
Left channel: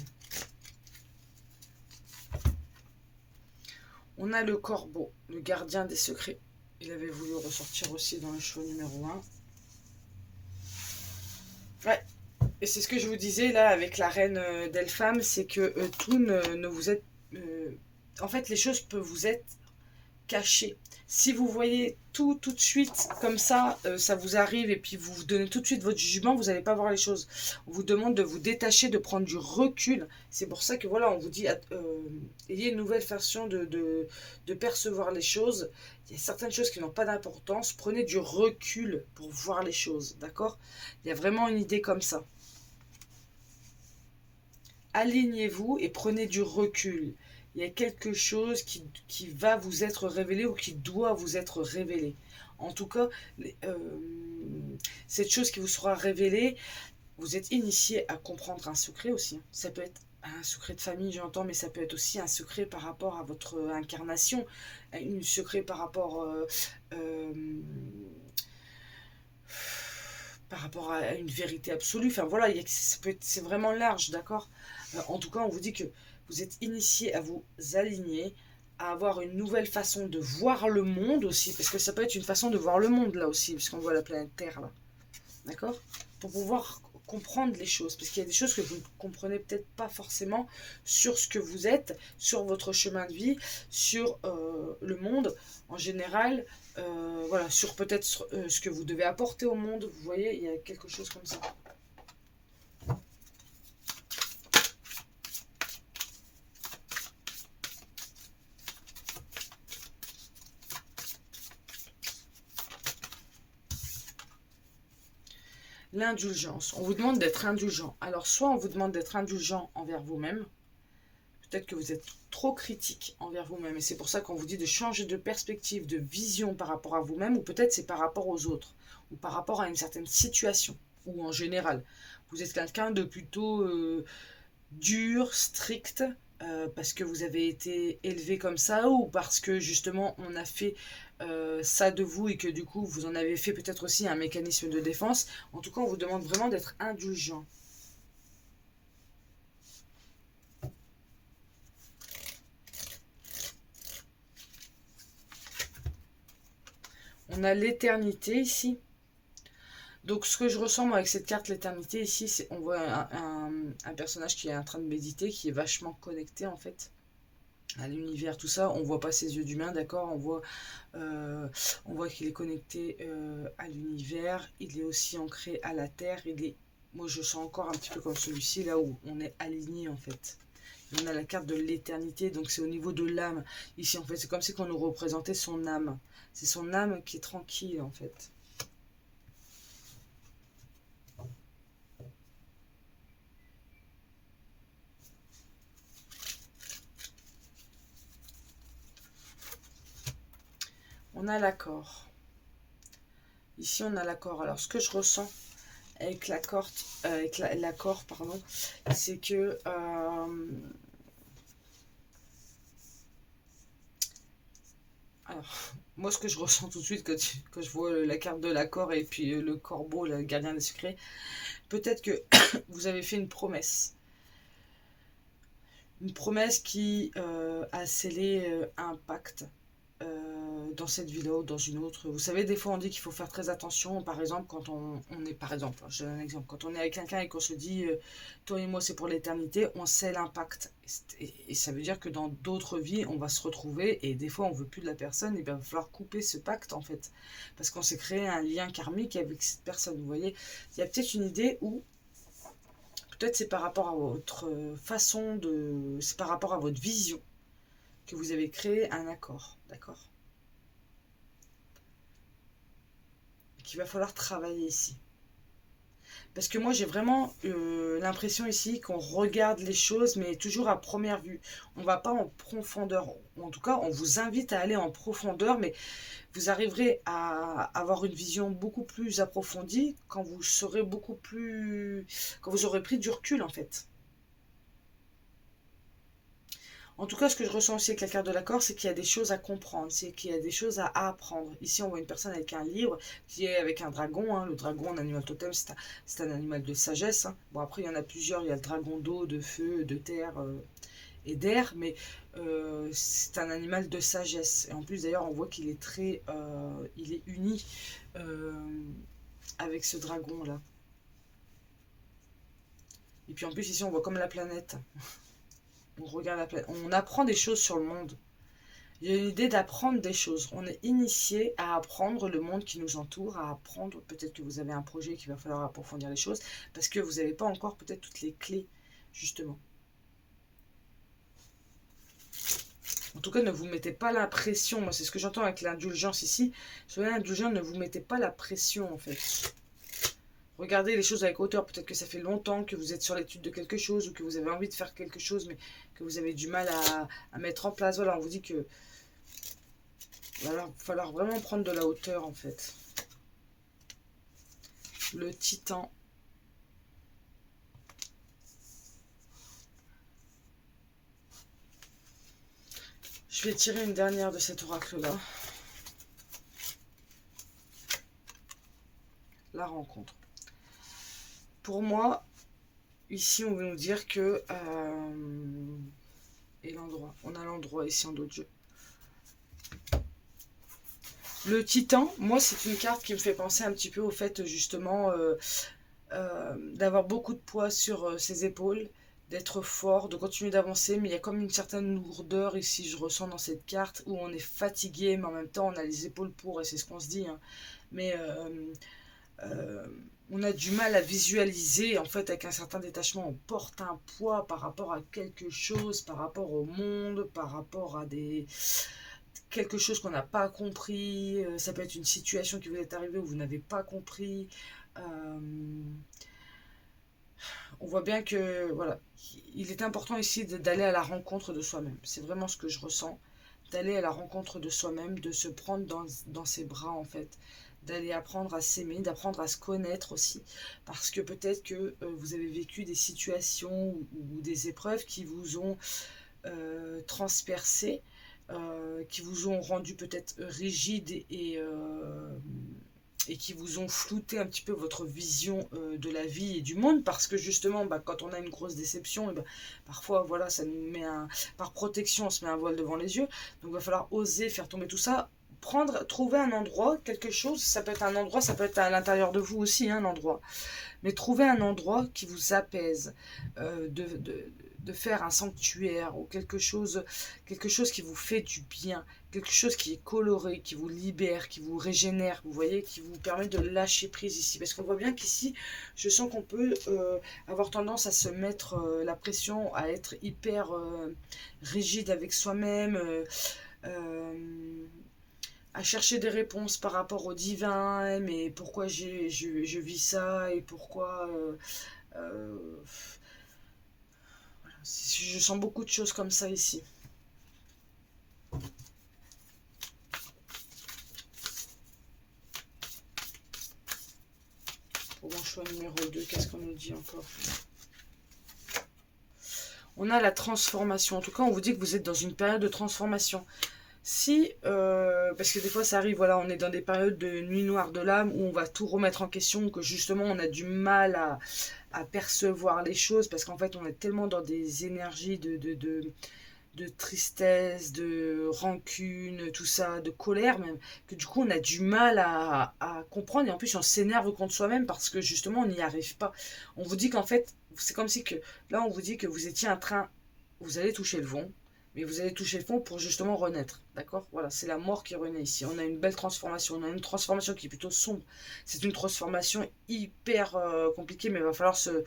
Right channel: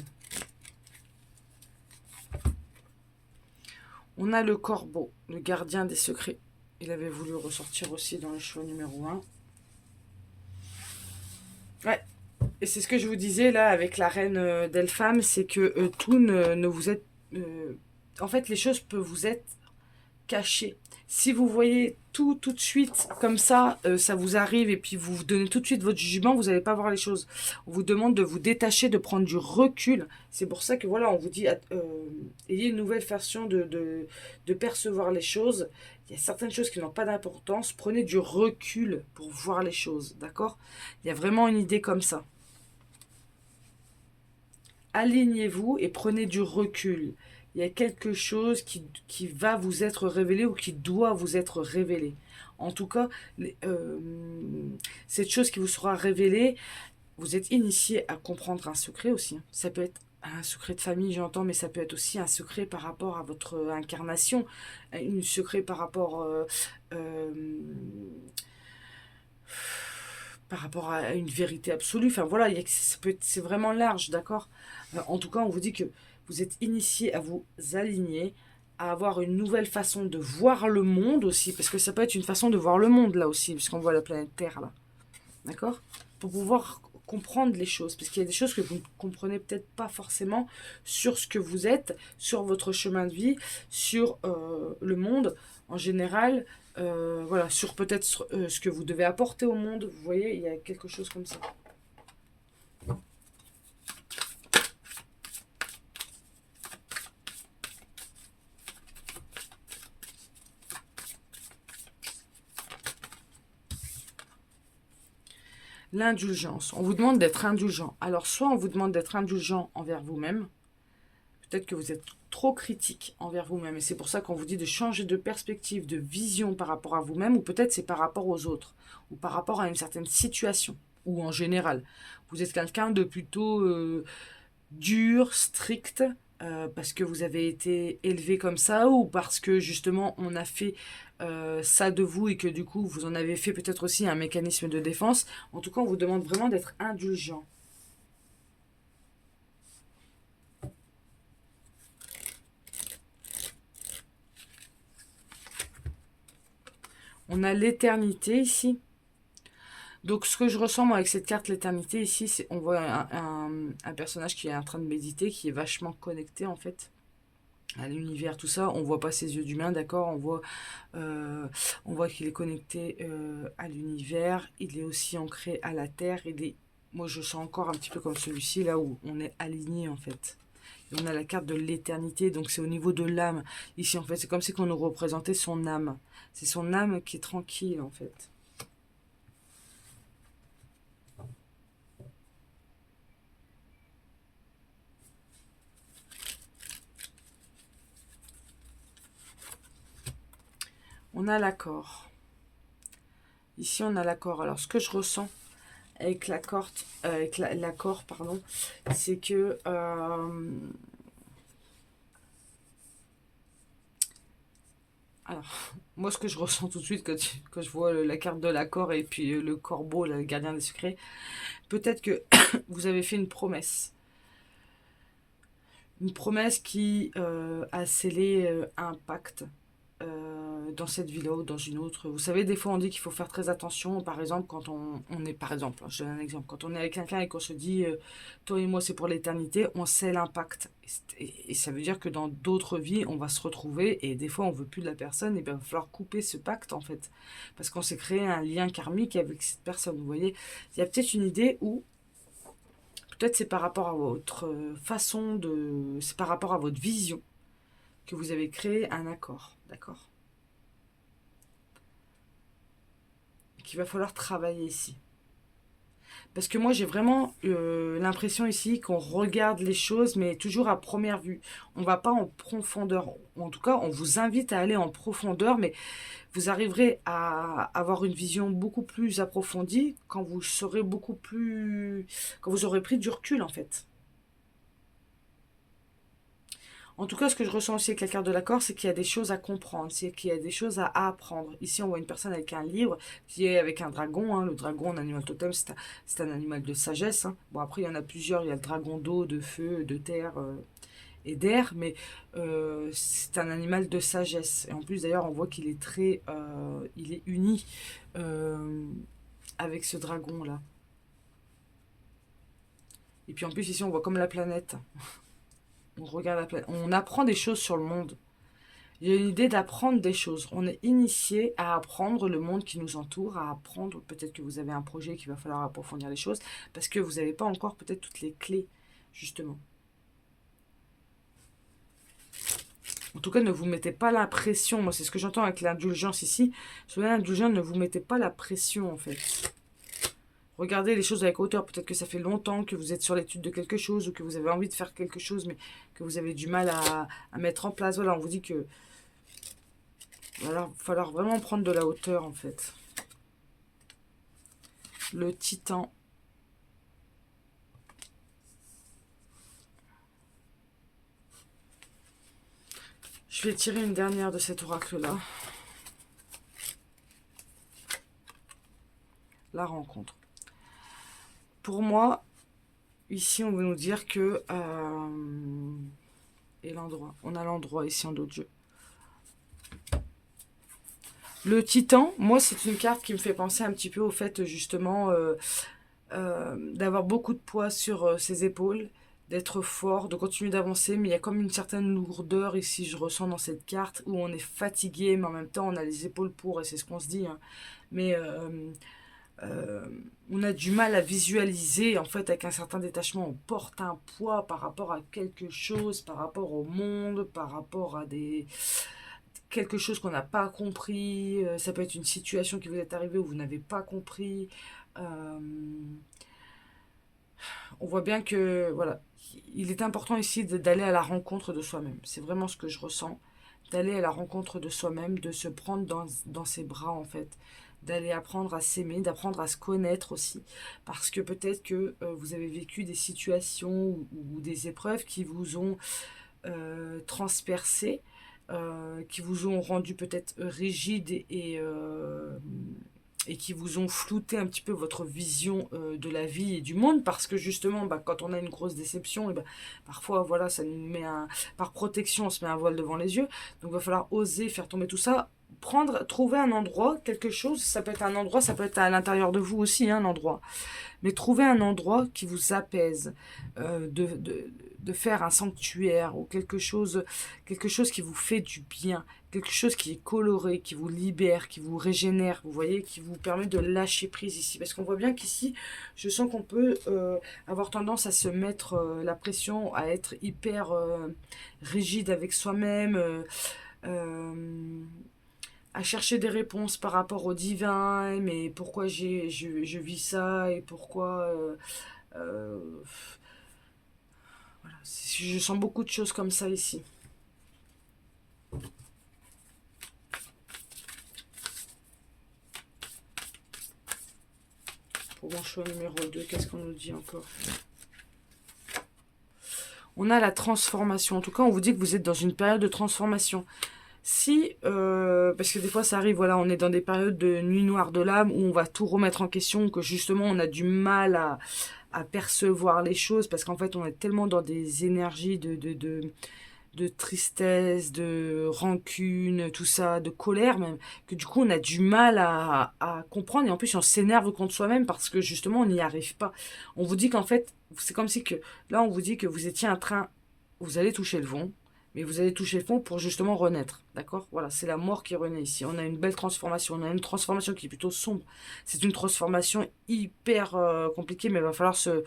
On a le corbeau, le gardien des secrets. Il avait voulu ressortir aussi dans le show numéro 1. Ouais, et c'est ce que je vous disais là avec la reine d'Elpham, c'est que tout ne vous est... en fait, les choses peuvent vous être cachées. Si vous voyez tout de suite comme ça vous arrive et puis vous donnez tout de suite votre jugement, vous n'allez pas voir les choses. On vous demande de vous détacher, de prendre du recul. C'est pour ça que voilà, on vous dit, ayez une nouvelle façon de percevoir les choses. Il y a certaines choses qui n'ont pas d'importance. Prenez du recul pour voir les choses, d'accord? Il y a vraiment une idée comme ça. Alignez-vous et prenez du recul. Il y a quelque chose qui va vous être révélé ou qui doit vous être révélé. En tout cas, cette chose qui vous sera révélée, vous êtes initié à comprendre un secret aussi. Ça peut être un secret de famille, j'entends, mais ça peut être aussi un secret par rapport à votre incarnation, un secret euh, par rapport à une vérité absolue. Enfin voilà, c'est vraiment large, d'accord. En tout cas, on vous dit que vous êtes initié à vous aligner, à avoir une nouvelle façon de voir le monde aussi, parce que ça peut être une façon de voir le monde là aussi, puisqu'on voit la planète Terre là, d'accord. Pour pouvoir comprendre les choses, parce qu'il y a des choses que vous ne comprenez peut-être pas forcément sur ce que vous êtes, sur votre chemin de vie, sur le monde en général, voilà, sur peut-être ce que vous devez apporter au monde. Vous voyez, il y a quelque chose comme ça. L'indulgence. On vous demande d'être indulgent. Alors, soit on vous demande d'être indulgent envers vous-même, peut-être que vous êtes trop critique envers vous-même, et c'est pour ça qu'on vous dit de changer de perspective, de vision par rapport à vous-même, ou peut-être c'est par rapport aux autres, ou par rapport à une certaine situation, ou en général. Vous êtes quelqu'un de plutôt dur, strict, parce que vous avez été élevé comme ça, ou parce que justement on a fait ça de vous et que du coup vous en avez fait peut-être aussi un mécanisme de défense. En tout cas, on vous demande vraiment d'être indulgent. On a l'éternité ici. Donc ce que je ressens moi avec cette carte l'éternité ici, c'est on voit un personnage qui est en train de méditer, qui est vachement connecté en fait à l'univers, tout ça. On voit pas ses yeux d'humain, d'accord, euh, on voit qu'il est connecté à l'univers, il est aussi ancré à la terre, moi je sens encore un petit peu comme celui-ci, là où on est aligné en fait. Et on a la carte de l'éternité, donc c'est au niveau de l'âme. Ici en fait, c'est comme si on nous représentait son âme. C'est son âme qui est tranquille en fait. On a l'accord. Ici, on a l'accord. Alors, ce que je ressens avec l'accord, pardon, c'est que alors, moi ce que je ressens tout de suite quand je vois la carte de l'accord et puis le corbeau, là, le gardien des secrets, peut-être que vous avez fait une promesse qui a scellé un pacte dans cette ville ou dans une autre. Vous savez, des fois on dit qu'il faut faire très attention. Par exemple, quand on est, par exemple, je donne un exemple, quand on est avec quelqu'un et qu'on se dit toi et moi c'est pour l'éternité, on scelle un pacte. Et ça veut dire que dans d'autres vies, on va se retrouver et des fois on veut plus de la personne et bien il va falloir couper ce pacte en fait. Parce qu'on s'est créé un lien karmique avec cette personne. Vous voyez, il y a peut-être une idée où peut-être c'est par rapport à votre façon de... C'est par rapport à votre vision que vous avez créé un accord, d'accord? Qu'il va falloir travailler ici. Parce que moi j'ai vraiment l'impression ici qu'on regarde les choses mais toujours à première vue. On va pas en profondeur. En tout cas, on vous invite à aller en profondeur, mais vous arriverez à avoir une vision beaucoup plus approfondie quand vous serez beaucoup plus... quand vous aurez pris du recul en fait. En tout cas, ce que je ressens aussi avec la carte de l'accord, c'est qu'il y a des choses à comprendre, c'est qu'il y a des choses à apprendre. Ici, on voit une personne avec un livre qui est avec un dragon. Hein. Le dragon, un animal totem, c'est un animal de sagesse. Hein. Bon, après, il y en a plusieurs. Il y a le dragon d'eau, de feu, de terre et d'air, mais c'est un animal de sagesse. Et en plus, d'ailleurs, on voit qu'il est il est uni euh, avec ce dragon-là. Et puis en plus, ici, on voit comme la planète. On regarde la planète. On apprend des choses sur le monde. Il y a une idée d'apprendre des choses. On est initié à apprendre le monde qui nous entoure, à apprendre. Peut-être que vous avez un projet qu'il va falloir approfondir les choses, parce que vous n'avez pas encore peut-être toutes les clés, justement. En tout cas, ne vous mettez pas la pression. Moi, c'est ce que j'entends avec l'indulgence ici. Soyez indulgent, ne vous mettez pas la pression, en fait. Regardez les choses avec hauteur. Peut-être que ça fait longtemps que vous êtes sur l'étude de quelque chose ou que vous avez envie de faire quelque chose, mais que vous avez du mal à mettre en place. Voilà, on vous dit que il va falloir vraiment prendre de la hauteur en fait. Le titan. Je vais tirer une dernière de cet oracle-là. La rencontre. Pour moi, ici on veut nous dire que... et l'endroit. On a l'endroit ici en dos de jeu. Le titan, moi c'est une carte qui me fait penser un petit peu au fait justement d'avoir beaucoup de poids sur ses épaules, d'être fort, de continuer d'avancer, mais il y a comme une certaine lourdeur ici, je ressens dans cette carte, où on est fatigué, mais en même temps on a les épaules pour, et c'est ce qu'on se dit, hein. Mais euh, on a du mal à visualiser, en fait, avec un certain détachement, on porte un poids par rapport à quelque chose, par rapport au monde, par rapport à quelque chose qu'on n'a pas compris, ça peut être une situation qui vous est arrivée où vous n'avez pas compris. Euh, on voit bien que voilà, il est important ici d'aller à la rencontre de soi-même. C'est vraiment ce que je ressens, d'aller à la rencontre de soi-même, de se prendre dans ses bras en fait, d'aller apprendre à s'aimer, d'apprendre à se connaître aussi, parce que peut-être que vous avez vécu des situations ou des épreuves qui vous ont transpercé, qui vous ont rendu peut-être rigide et qui vous ont flouté un petit peu votre vision de la vie et du monde, parce que justement bah, quand on a une grosse déception et bah, parfois voilà ça nous met par protection on se met un voile devant les yeux, donc il va falloir oser faire tomber tout ça, trouver un endroit, quelque chose, ça peut être un endroit, ça peut être à l'intérieur de vous aussi un endroit, mais trouver un endroit qui vous apaise, de faire un sanctuaire ou quelque chose qui vous fait du bien, quelque chose qui est coloré, qui vous libère, qui vous régénère, vous voyez, qui vous permet de lâcher prise ici. Parce qu'on voit bien qu'ici, je sens qu'on peut avoir tendance à se mettre la pression, à être hyper rigide avec soi-même, à chercher des réponses par rapport au divin, mais pourquoi je vis ça et pourquoi... euh, voilà. Je sens beaucoup de choses comme ça ici. Pour mon choix numéro qu'est-ce qu'on nous dit encore? On a la transformation. En tout cas, on vous dit que vous êtes dans une période de transformation. Si, parce que des fois ça arrive, voilà, on est dans des périodes de nuit noire de l'âme où on va tout remettre en question, que justement on a du mal à percevoir les choses, parce qu'en fait on est tellement dans des énergies de tristesse, de rancune, tout ça, de colère même, que du coup on a du mal à comprendre, et en plus on s'énerve contre soi-même parce que justement on n'y arrive pas. On vous dit qu'en fait, c'est comme si que, là on vous dit que vous étiez en train, vous allez toucher le fond, mais vous allez toucher le fond pour justement renaître, d'accord? Voilà, c'est la mort qui renaît ici. On a une belle transformation, on a une transformation qui est plutôt sombre. C'est une transformation hyper compliquée, mais va falloir se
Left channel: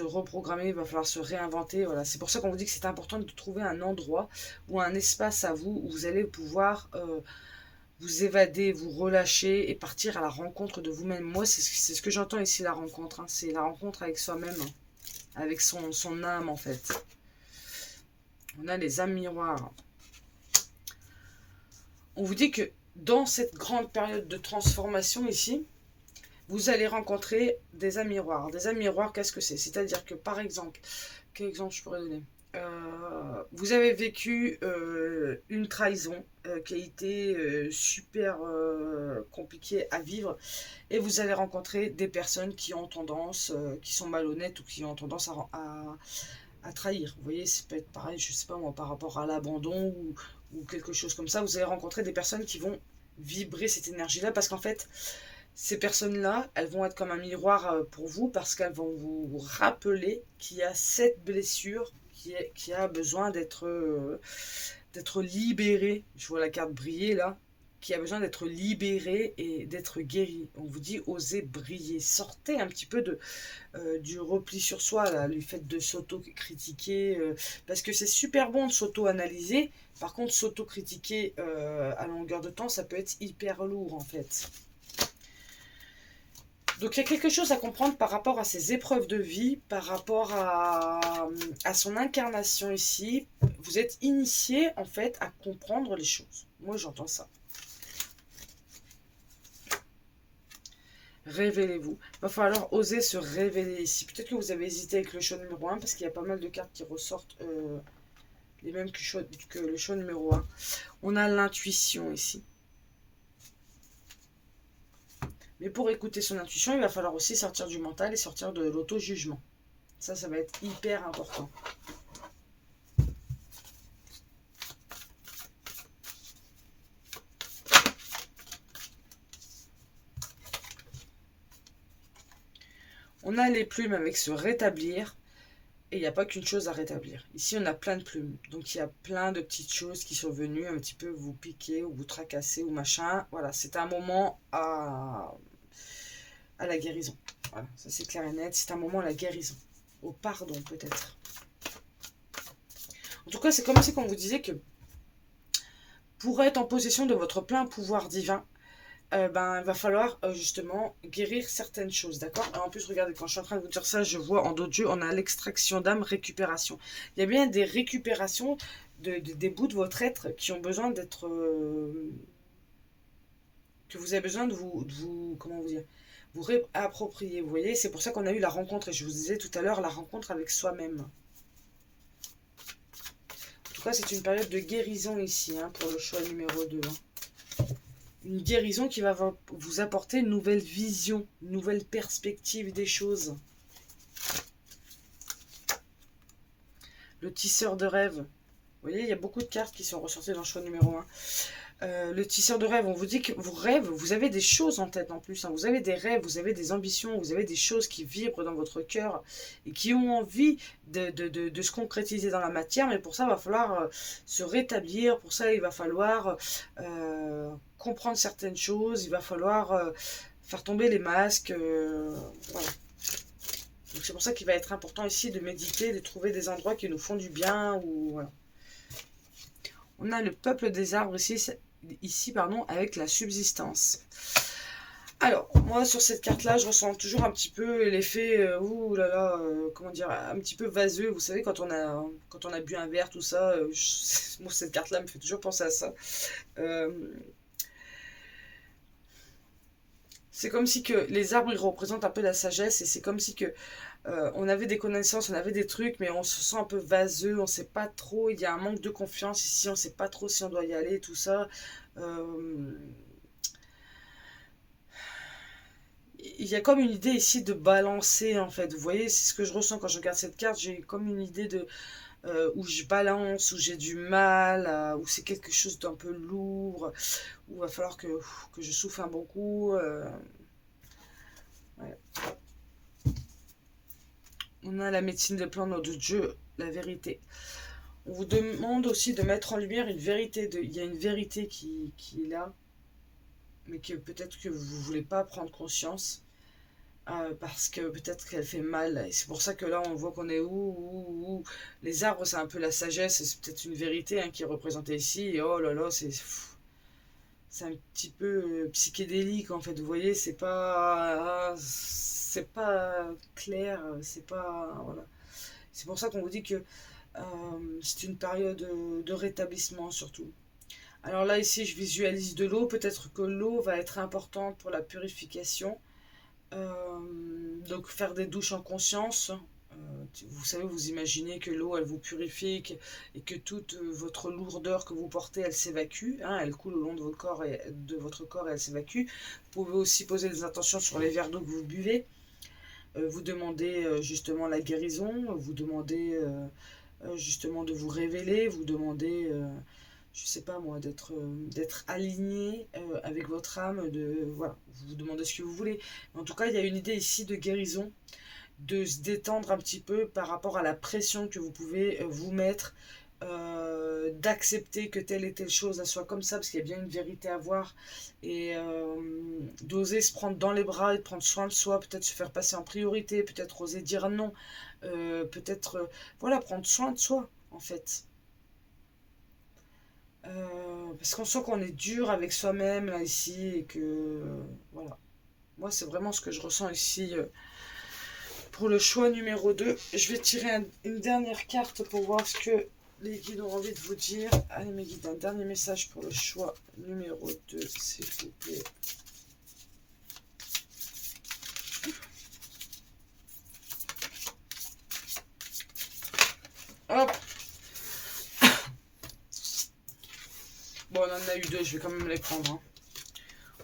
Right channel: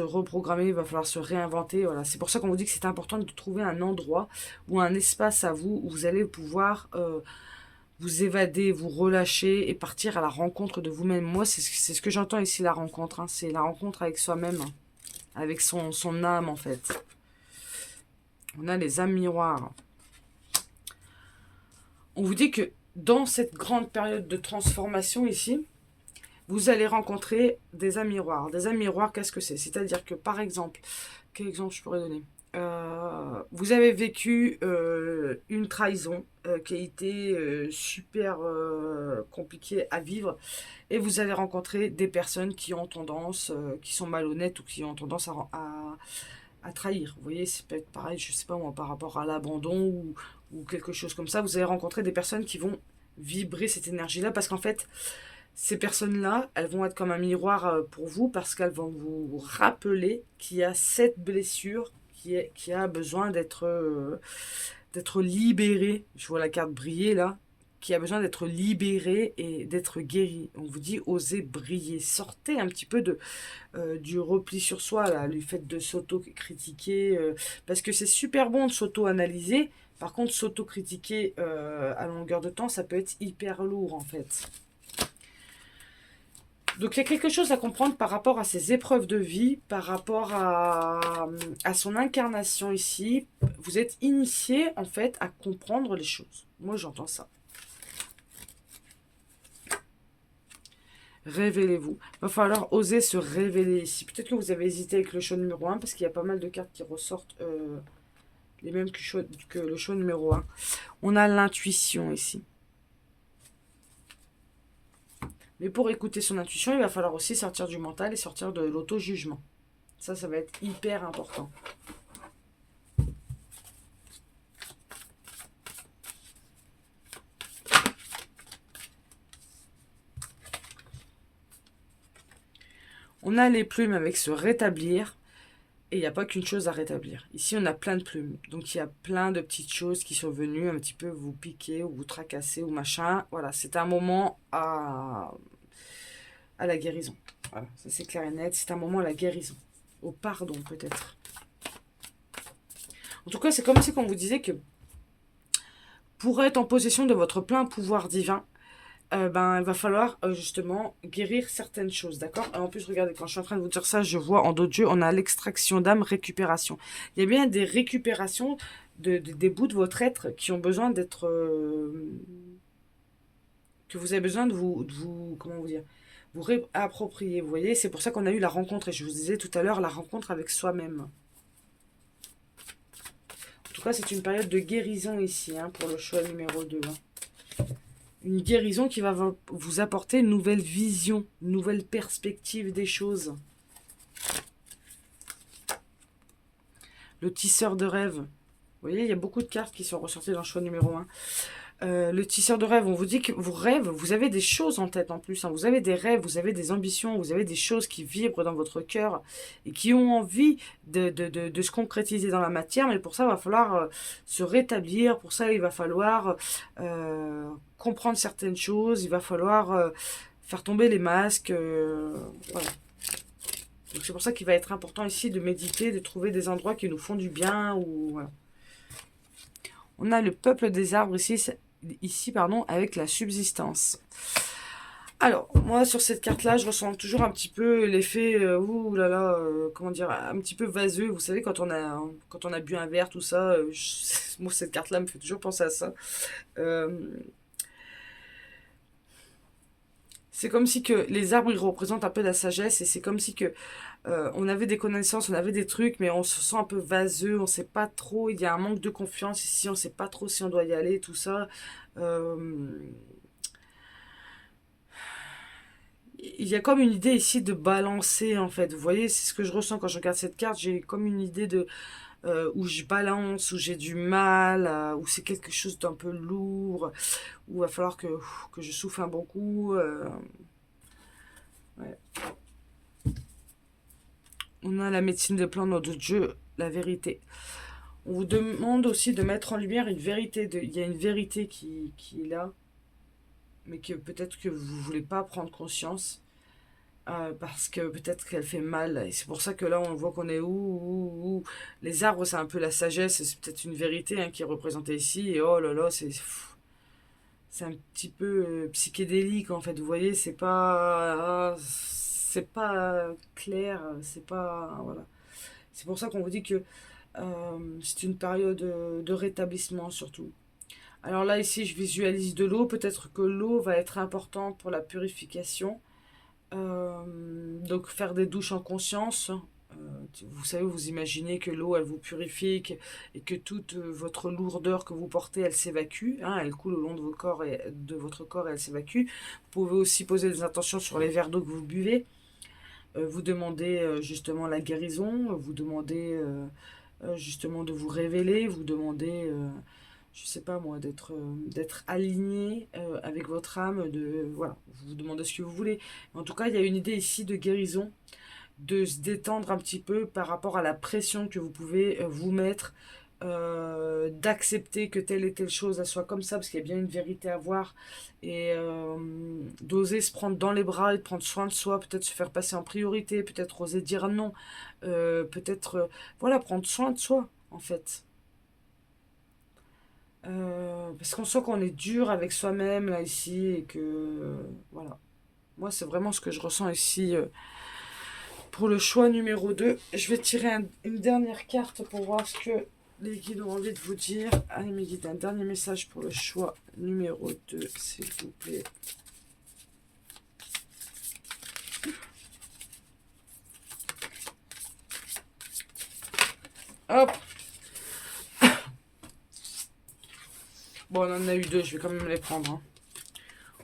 reprogrammer, il va falloir se réinventer. Voilà. C'est pour ça qu'on vous dit que c'est important de trouver un endroit ou un espace à vous où vous allez pouvoir vous évader, vous relâcher et partir à la rencontre de vous-même. Moi, c'est ce que j'entends ici, la rencontre. Hein. C'est la rencontre avec soi-même, hein. Avec son âme en fait. On a les âmes miroirs. On vous dit que dans cette grande période de transformation ici, vous allez rencontrer des âmes miroirs. Des âmes miroirs, qu'est-ce que c'est? C'est-à-dire que, par exemple, quel exemple je pourrais donner? Vous avez vécu une trahison qui a été super compliquée à vivre, et vous allez rencontrer des personnes qui ont tendance, qui sont malhonnêtes ou qui ont tendance à trahir. Vous voyez, c'est peut-être pareil, je sais pas moi, par rapport à l'abandon ou quelque chose comme ça. Vous allez rencontrer des personnes qui vont vibrer cette énergie-là, parce qu'en fait, ces personnes-là, elles vont être comme un miroir pour vous, parce qu'elles vont vous rappeler qu'il y a cette blessure qui a besoin d'être libérée. Je vois la carte briller là, qui a besoin d'être libérée et d'être guérie. On vous dit osez briller. Sortez un petit peu du repli sur soi, là, le fait de s'auto-critiquer, parce que c'est super bon de s'auto-analyser. Par contre, s'auto-critiquer à longueur de temps, ça peut être hyper lourd en fait. Donc il y a quelque chose à comprendre par rapport à ses épreuves de vie, par rapport à son incarnation ici. Vous êtes initié en fait à comprendre les choses. Moi j'entends ça. Révélez-vous. Il va falloir oser se révéler ici. Peut-être que vous avez hésité avec le choix numéro 1 parce qu'il y a pas mal de cartes qui ressortent les mêmes que le choix numéro 1. On a l'intuition ici. Mais pour écouter son intuition, il va falloir aussi sortir du mental et sortir de l'auto-jugement. Ça va être hyper important. On a les plumes avec se rétablir. Et il n'y a pas qu'une chose à rétablir. Ici, on a plein de plumes. Donc, il y a plein de petites choses qui sont venues un petit peu vous piquer ou vous tracasser ou machin. Voilà, c'est un moment à la guérison. Voilà, ça c'est clair et net. C'est un moment à la guérison. Au pardon, peut-être. En tout cas, c'est comme si on vous disait que pour être en possession de votre plein pouvoir divin, il va falloir justement guérir certaines choses, d'accord? En plus, regardez, quand je suis en train de vous dire ça, je vois en dos de jeu, on a l'extraction d'âme, récupération. Il y a bien des récupérations des bouts de votre être qui ont besoin d'être... que vous avez besoin de vous comment vous dire, vous réapproprier, vous voyez? C'est pour ça qu'on a eu la rencontre, et je vous disais tout à l'heure, la rencontre avec soi-même. En tout cas, c'est une période de guérison ici, hein, pour le choix numéro 2. Hein. Une guérison qui va vous apporter une nouvelle vision, une nouvelle perspective des choses. Le tisseur de rêve. Vous voyez, il y a beaucoup de cartes qui sont ressorties dans le choix numéro 1. Le tisseur de rêve, on vous dit que vos rêves, vous avez des choses en tête en plus. Hein. Vous avez des rêves, vous avez des ambitions, vous avez des choses qui vibrent dans votre cœur et qui ont envie de se concrétiser dans la matière. Mais pour ça, il va falloir se rétablir. Pour ça, il va falloir comprendre certaines choses. Il va falloir faire tomber les masques. Voilà. Donc c'est pour ça qu'il va être important ici de méditer, de trouver des endroits qui nous font du bien. Voilà. On a le peuple des arbres ici avec la subsistance. Alors, moi, sur cette carte-là, je ressens toujours un petit peu l'effet, comment dire, un petit peu vaseux. Vous savez, quand on a bu un verre, tout ça, moi, cette carte-là me fait toujours penser à ça. C'est comme si que les arbres, ils représentent un peu la sagesse, et c'est comme si que on avait des connaissances, on avait des trucs, mais on se sent un peu vaseux, on sait pas trop, il y a un manque de confiance ici, on sait pas trop si on doit y aller, tout ça. Euh, il y a comme une idée ici de balancer, en fait. Vous voyez, c'est ce que je ressens quand je regarde cette carte. J'ai comme une idée de où je balance, où j'ai du mal, où c'est quelque chose d'un peu lourd, où il va falloir que je souffle un bon coup. Ouais. On a la médecine des plantes dans d'autres jeux, la vérité. On vous demande aussi de mettre en lumière une vérité. Il y a une vérité qui est là, mais que peut-être que vous ne voulez pas prendre conscience. Parce que peut-être qu'elle fait mal. Et c'est pour ça que là, on voit qu'on est où. Les arbres, c'est un peu la sagesse. C'est peut-être une vérité hein, qui est représentée ici. Et oh là là, c'est un petit peu psychédélique en fait. Vous voyez, c'est pas clair. C'est pas voilà. C'est pour ça qu'on vous dit que c'est une période de rétablissement surtout. Alors là, ici, je visualise de l'eau. Peut-être que l'eau va être importante pour la purification. Donc faire des douches en conscience. Vous savez, vous imaginez que l'eau, elle vous purifie et que toute votre lourdeur que vous portez, elle s'évacue. Hein, elle coule au long de, de votre corps et elle s'évacue. Vous pouvez aussi poser des intentions sur les verres d'eau que vous buvez. Vous demandez justement la guérison. Vous demandez justement de vous révéler. Vous demandez je sais pas moi, d'être aligné avec votre âme, voilà, vous vous demandez ce que vous voulez. En tout cas, il y a une idée ici de guérison, de se détendre un petit peu par rapport à la pression que vous pouvez vous mettre, d'accepter que telle et telle chose elle soit comme ça, parce qu'il y a bien une vérité à voir, et d'oser se prendre dans les bras et de prendre soin de soi, peut-être se faire passer en priorité, peut-être oser dire non, peut-être, voilà, prendre soin de soi, en fait. Parce qu'on sent qu'on est dur avec soi-même là, ici et que voilà. Moi, c'est vraiment ce que je ressens ici pour le choix numéro 2. Je vais tirer une dernière carte pour voir ce que les guides ont envie de vous dire. Allez, mes guides, un dernier message pour le choix numéro 2, s'il vous plaît. Hop. Bon, on en a eu deux, je vais quand même les prendre. Hein.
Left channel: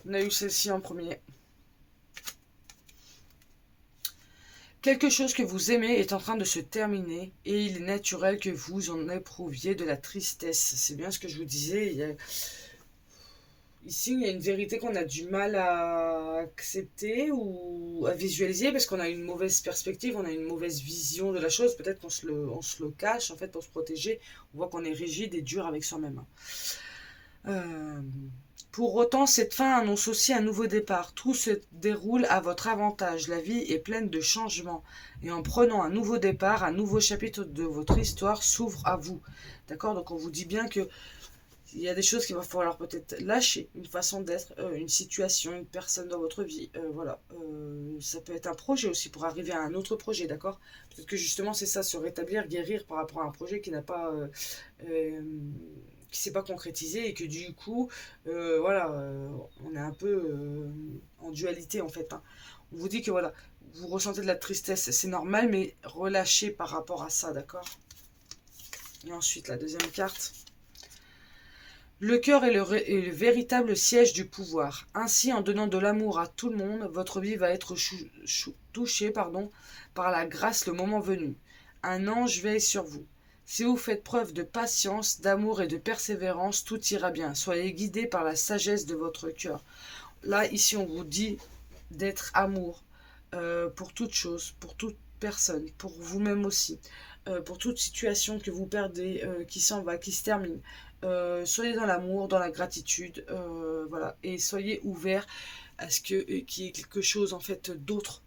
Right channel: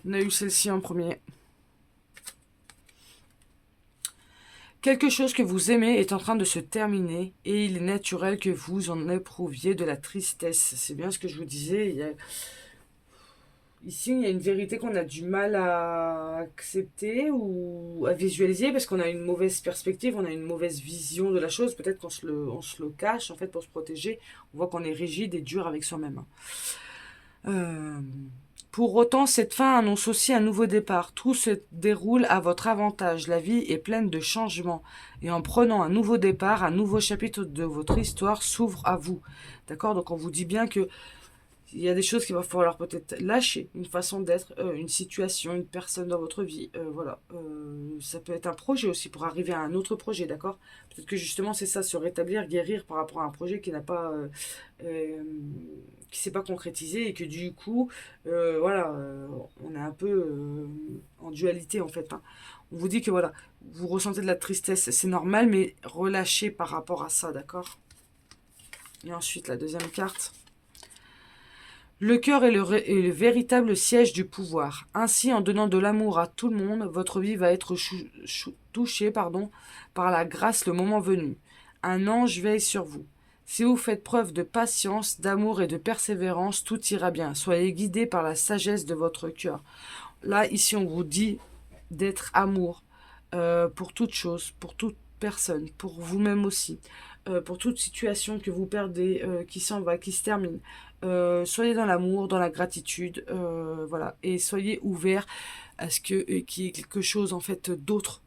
On a eu celle-ci en premier. Quelque chose que vous aimez est en train de se terminer et il est naturel que vous en éprouviez de la tristesse. C'est bien ce que je vous disais. Ici, il y a une vérité qu'on a du mal à accepter ou à visualiser parce qu'on a une mauvaise perspective, on a une mauvaise vision de la chose. Peut-être on se le cache en fait pour se protéger. On voit qu'on est rigide et dur avec soi-même. Euh, pour autant, cette fin annonce aussi un nouveau départ. Tout se déroule à votre avantage. La vie est pleine de changements. Et en prenant un nouveau départ, un nouveau chapitre de votre histoire s'ouvre à vous. D'accord? Donc on vous dit bien que il y a des choses qu'il va falloir peut-être lâcher, une façon d'être, une situation, une personne dans votre vie. Voilà. Ça peut être un projet aussi pour arriver à un autre projet, d'accord? Peut-être que justement c'est ça, se rétablir, guérir par rapport à un projet qui n'a pas, qui s'est pas concrétisé et que du coup, voilà, on est un peu en dualité en fait. Hein. On vous dit que voilà, vous ressentez de la tristesse, c'est normal, mais relâchez par rapport à ça, d'accord? Et ensuite la deuxième carte. Le cœur est est le véritable siège du pouvoir. Ainsi, en donnant de l'amour à tout le monde, votre vie va être touchée par la grâce le moment venu. Un ange veille sur vous. Si vous faites preuve de patience, d'amour et de persévérance, tout ira bien. Soyez guidés par la sagesse de votre cœur. Là, ici, on vous dit d'être amour pour toute chose, pour toute personne, pour vous-même aussi, pour toute situation que vous perdez, qui s'en va, qui se termine. Soyez dans l'amour, dans la gratitude, voilà, et soyez ouverts à ce qu'il y ait quelque chose en fait d'autre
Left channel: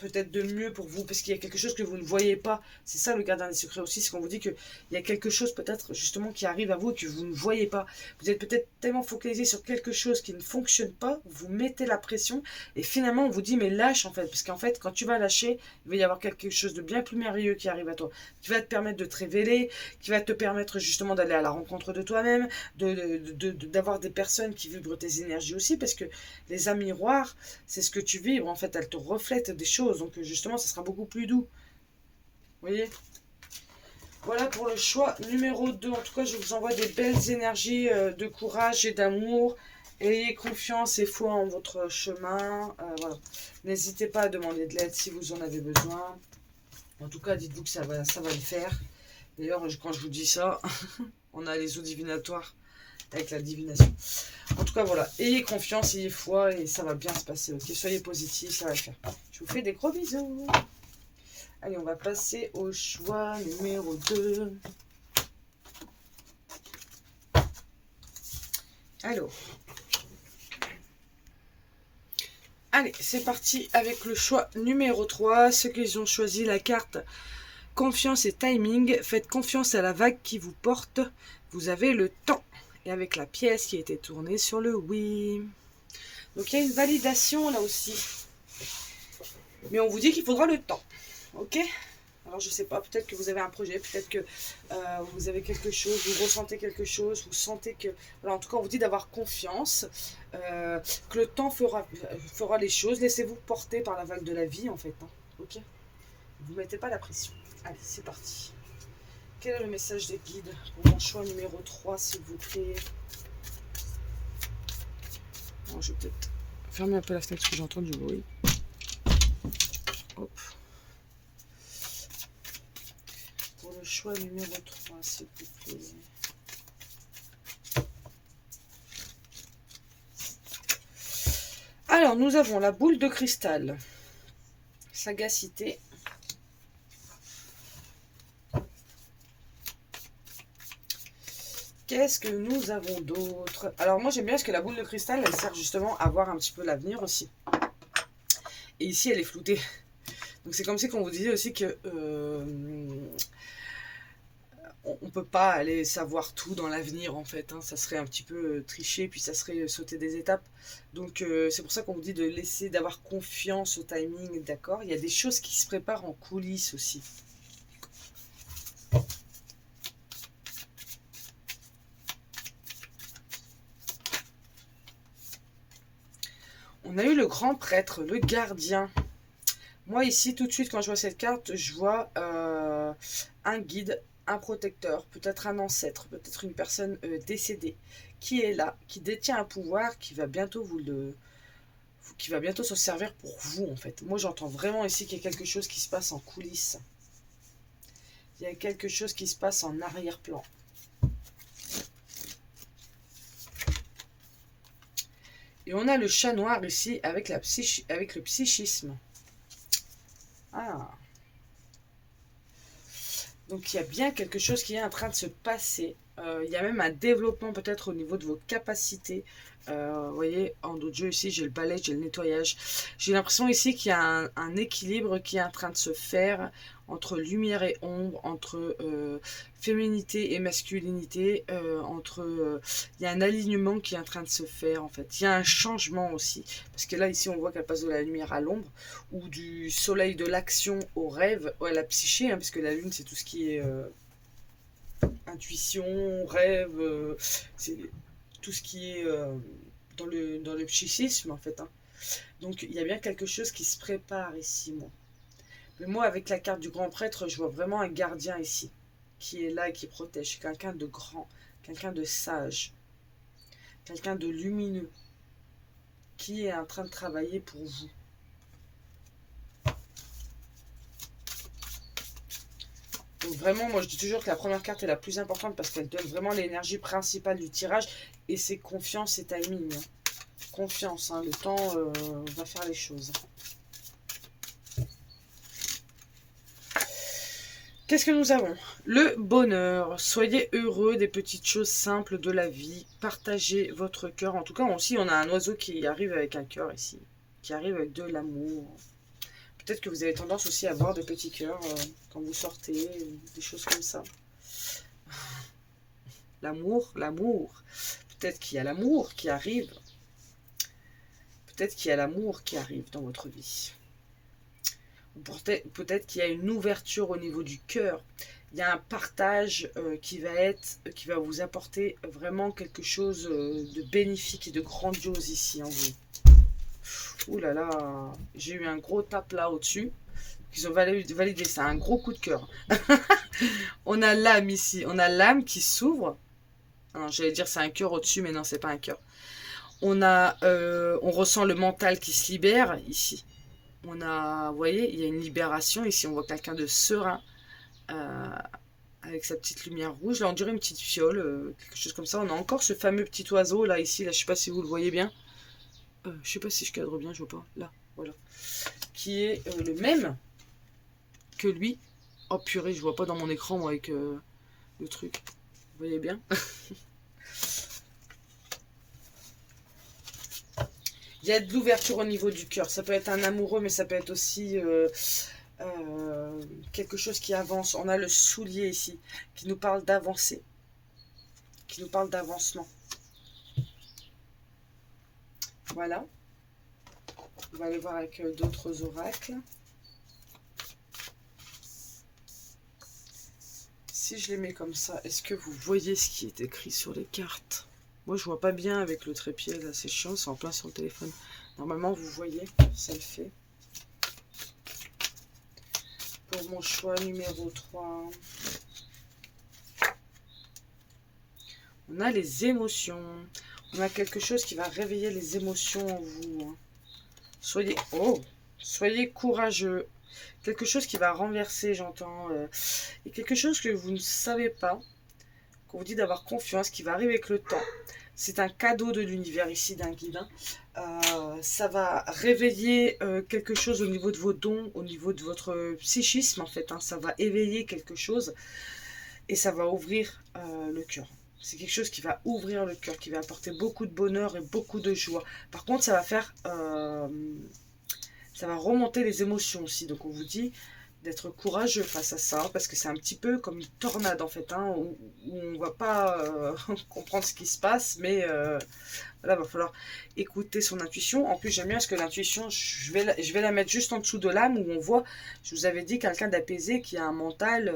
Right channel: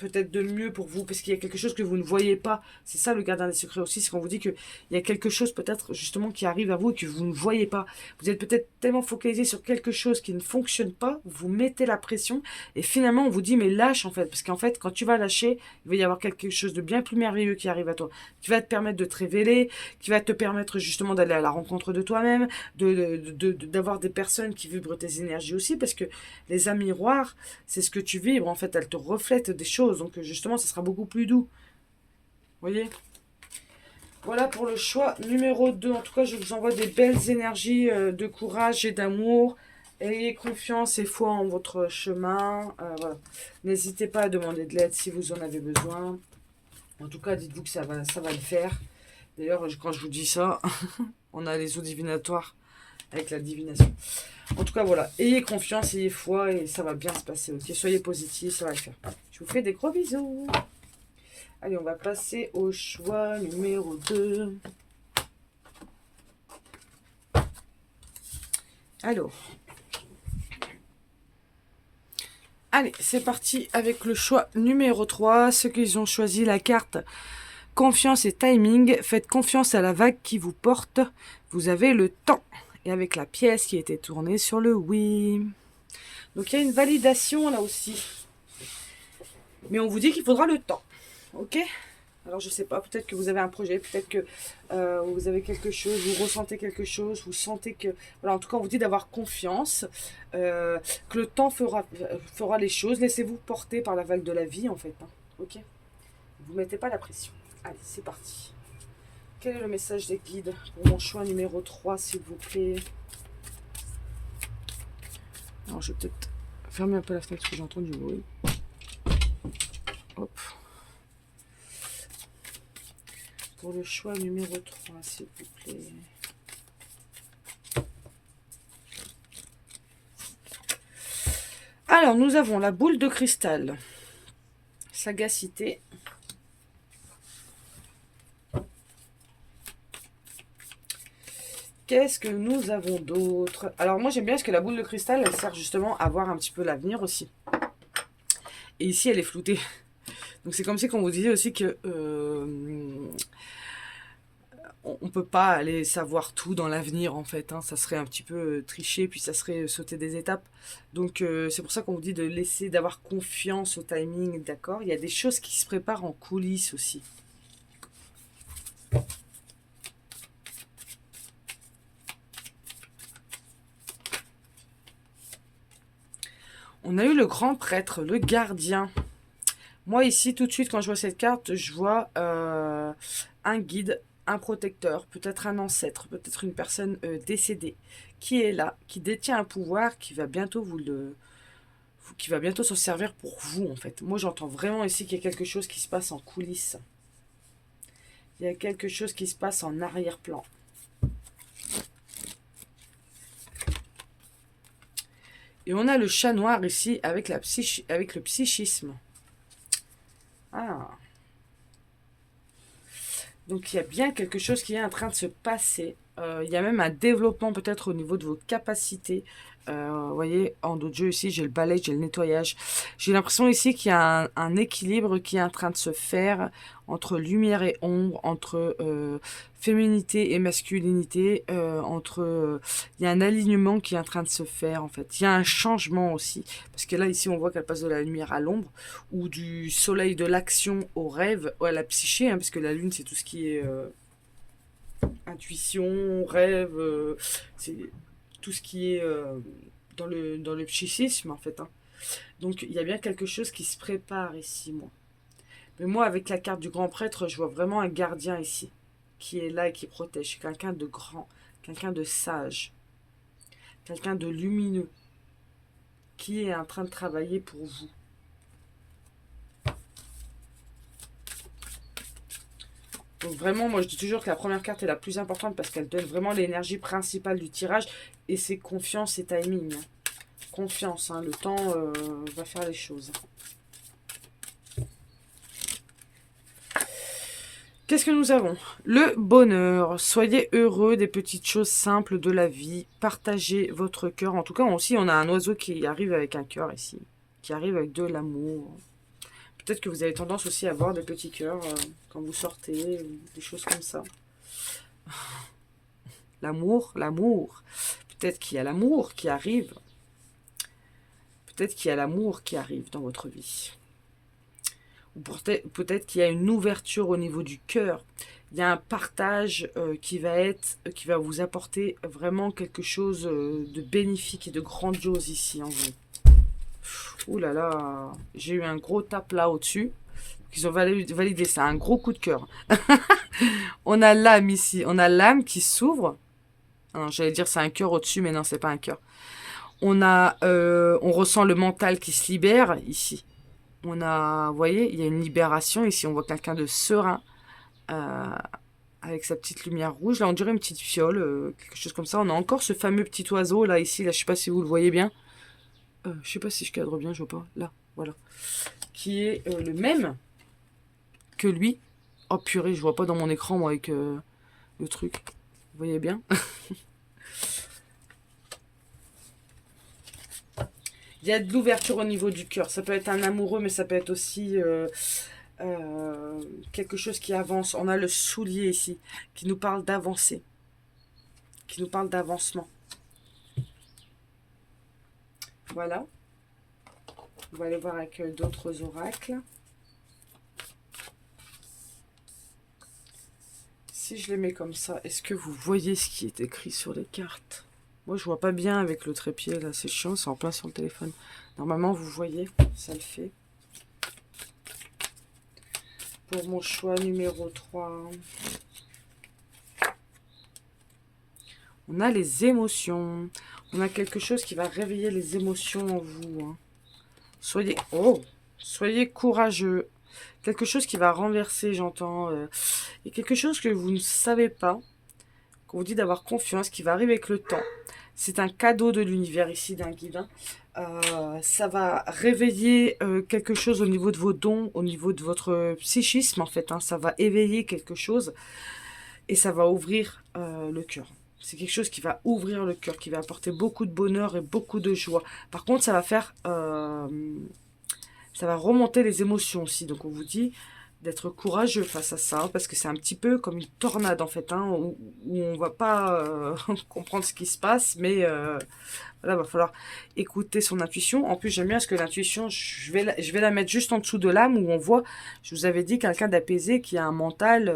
peut-être de mieux pour vous, parce qu'il y a quelque chose que vous ne voyez pas. C'est ça le gardien des secrets aussi, c'est qu'on vous dit qu'il y a quelque chose peut-être justement qui arrive à vous et que vous ne voyez pas. Vous êtes peut-être tellement focalisé sur quelque chose qui ne fonctionne pas, vous mettez la pression et finalement on vous dit mais lâche en fait, parce qu'en fait quand tu vas lâcher, il va y avoir quelque chose de bien plus merveilleux qui arrive à toi, qui va te permettre de te révéler, qui va te permettre justement d'aller à la rencontre de toi-même, d'avoir des personnes qui vibrent tes énergies aussi, parce que les âmes miroirs, c'est ce que tu vibres en fait, elles te reflètent des choses. Donc justement, ça sera beaucoup plus doux. Vous voyez? Voilà pour le choix numéro 2. En tout cas, je vous envoie des belles énergies de courage et d'amour. Ayez confiance et foi en votre chemin. Voilà. N'hésitez pas à demander de l'aide si vous en avez besoin. En tout cas, dites-vous que ça va le faire. D'ailleurs, quand je vous dis ça, on a les eaux divinatoires avec la divination. En tout cas, voilà. Ayez confiance, ayez foi et ça va bien se passer. Ok, soyez positifs, ça va le faire. Je vous fais des gros bisous. Allez, on va passer au choix numéro 2. Alors. Allez, c'est parti avec le choix numéro 3. Ceux qui ont choisi la carte confiance et timing. Faites confiance à la vague qui vous porte. Vous avez le temps. Et avec la pièce qui a été tournée sur le oui. Donc il y a une validation là aussi. Mais on vous dit qu'il faudra le temps. Ok? Alors je sais pas, peut-être que vous avez un projet, peut-être que vous avez quelque chose, vous ressentez quelque chose, vous sentez que... Voilà, en tout cas on vous dit d'avoir confiance, que le temps fera les choses, laissez-vous porter par la vague de la vie en fait. Hein, ok? Vous ne mettez pas la pression. Allez, c'est parti. Quel est le message des guides pour mon choix numéro 3 s'il vous plaît? Alors je vais peut-être fermer un peu la fenêtre parce que j'entends du bruit. Hop. Pour le choix numéro 3, s'il vous plaît. Alors, nous avons la boule de cristal. Sagacité. Qu'est-ce que nous avons d'autre? Alors, moi, j'aime bien parce que la boule de cristal, elle sert justement à voir un petit peu l'avenir aussi. Et ici, elle est floutée. Donc, c'est comme si qu'on vous disait aussi que... on ne peut pas aller savoir tout dans l'avenir en fait, hein. Ça serait un petit peu tricher, puis ça serait sauter des étapes. Donc c'est pour ça qu'on vous dit de laisser, d'avoir confiance au timing, d'accord? Il y a des choses qui se préparent en coulisses aussi. On a eu le grand prêtre, le gardien. Moi ici, tout de suite, quand je vois cette carte, je vois un guide, un protecteur, peut-être un ancêtre, peut-être une personne décédée, qui est là, qui détient un pouvoir, qui va bientôt qui va bientôt s'en servir pour vous, en fait. Moi, j'entends vraiment ici qu'il y a quelque chose qui se passe en coulisses. Il y a quelque chose qui se passe en arrière-plan. Et on a le chat noir ici avec le psychisme. Ah. Donc il y a bien quelque chose qui est en train de se passer. Il y a même un développement peut-être au niveau de vos capacités. Vous voyez, en dos de jeu ici, j'ai le balai, j'ai le nettoyage. J'ai l'impression ici qu'il y a un équilibre qui est en train de se faire entre lumière et ombre, entre féminité et masculinité, il y a un alignement qui est en train de se faire en fait. Il y a un changement aussi, parce que là ici on voit qu'elle passe de la lumière à l'ombre, ou du soleil de l'action au rêve, ou à la psyché, hein, parce que la lune c'est tout ce qui est intuition, rêve, c'est tout ce qui est dans le psychisme en fait. Hein. Donc il y a bien quelque chose qui se prépare ici, moi. Mais moi, avec la carte du grand prêtre, je vois vraiment un gardien ici, qui est là et qui protège. Quelqu'un de grand, quelqu'un de sage, quelqu'un de lumineux, qui est en train de travailler pour vous. Donc vraiment, moi je dis toujours que la première carte est la plus importante parce qu'elle donne vraiment l'énergie principale du tirage. Et c'est confiance et timing. Hein. Confiance, hein, le temps va faire les choses. Qu'est-ce que nous avons? Le bonheur. Soyez heureux des petites choses simples de la vie. Partagez votre cœur. En tout cas, aussi, on a un oiseau qui arrive avec un cœur ici. Qui arrive avec de l'amour. peut-être que vous avez tendance aussi à voir de petits cœurs quand vous sortez, des choses comme ça. L'amour, l'amour. Peut-être qu'il y a l'amour qui arrive. Peut-être qu'il y a l'amour qui arrive dans votre vie. Ou peut-être qu'il y a une ouverture au niveau du cœur. Il y a un partage qui va vous apporter vraiment quelque chose de bénéfique et de grandiose ici en vous. Ouh là là, j'ai eu un gros tape là au-dessus. Ils ont validé ça, un gros coup de cœur. On a l'âme ici, on a l'âme qui s'ouvre. J'allais dire c'est un cœur au-dessus, mais non, c'est pas un cœur. On ressent le mental qui se libère ici. Vous voyez, il y a une libération ici. On voit quelqu'un de serein avec sa petite lumière rouge. Là, on dirait une petite fiole, quelque chose comme ça. On a encore ce fameux petit oiseau là ici. Là, je sais pas si vous le voyez bien. Je sais pas si je cadre bien, je vois pas. Là, voilà, qui est le même que lui. Oh purée, je vois pas dans mon écran moi avec le truc. Vous voyez bien. Il y a de l'ouverture au niveau du cœur. Ça peut être un amoureux, mais ça peut être aussi quelque chose qui avance. On a le soulier ici, qui nous parle d'avancer, qui nous parle d'avancement. Voilà. On va aller voir avec d'autres oracles. Si je les mets comme ça, est-ce que vous voyez ce qui est écrit sur les cartes? Moi, je vois pas bien avec le trépied, là, c'est chiant, c'est en plein sur le téléphone. Normalement, vous voyez, ça le fait. Pour mon choix numéro 3, on a les émotions. On a quelque chose qui va réveiller les émotions en vous. Hein. Soyez courageux. Quelque chose qui va renverser, j'entends. Et quelque chose que vous ne savez pas, qu'on vous dit d'avoir confiance, qui va arriver avec le temps. C'est un cadeau de l'univers ici, d'un guide. Ça va réveiller quelque chose au niveau de vos dons, au niveau de votre psychisme, en fait. Hein. Ça va éveiller quelque chose et ça va ouvrir le cœur. C'est quelque chose qui va ouvrir le cœur, qui va apporter beaucoup de bonheur et beaucoup de joie. Par contre, ça va faire... ça va remonter les émotions aussi. Donc, on vous dit d'être courageux face à ça, parce que c'est un petit peu comme une tornade, en fait, hein, où on va pas comprendre ce qui se passe, mais voilà, va falloir écouter son intuition. En plus, j'aime bien parce que l'intuition, je vais la mettre juste en dessous de l'âme, où on voit, je vous avais dit, quelqu'un d'apaisé qui a un mental,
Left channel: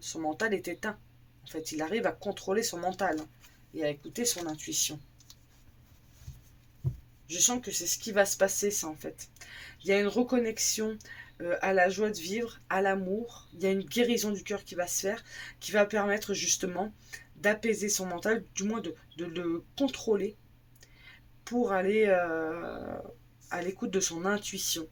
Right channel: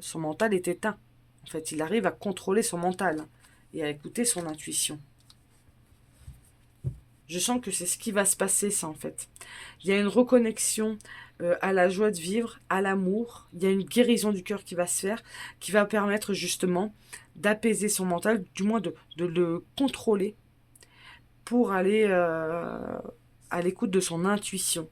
son mental est éteint. En fait, il arrive à contrôler son mental et à écouter son intuition. Je sens que c'est ce qui va se passer, ça, en fait. Il y a une reconnexion à la joie de vivre, à l'amour. Il y a une guérison du cœur qui va se faire, qui va permettre justement d'apaiser son mental, du moins de le contrôler pour aller à l'écoute de son intuition.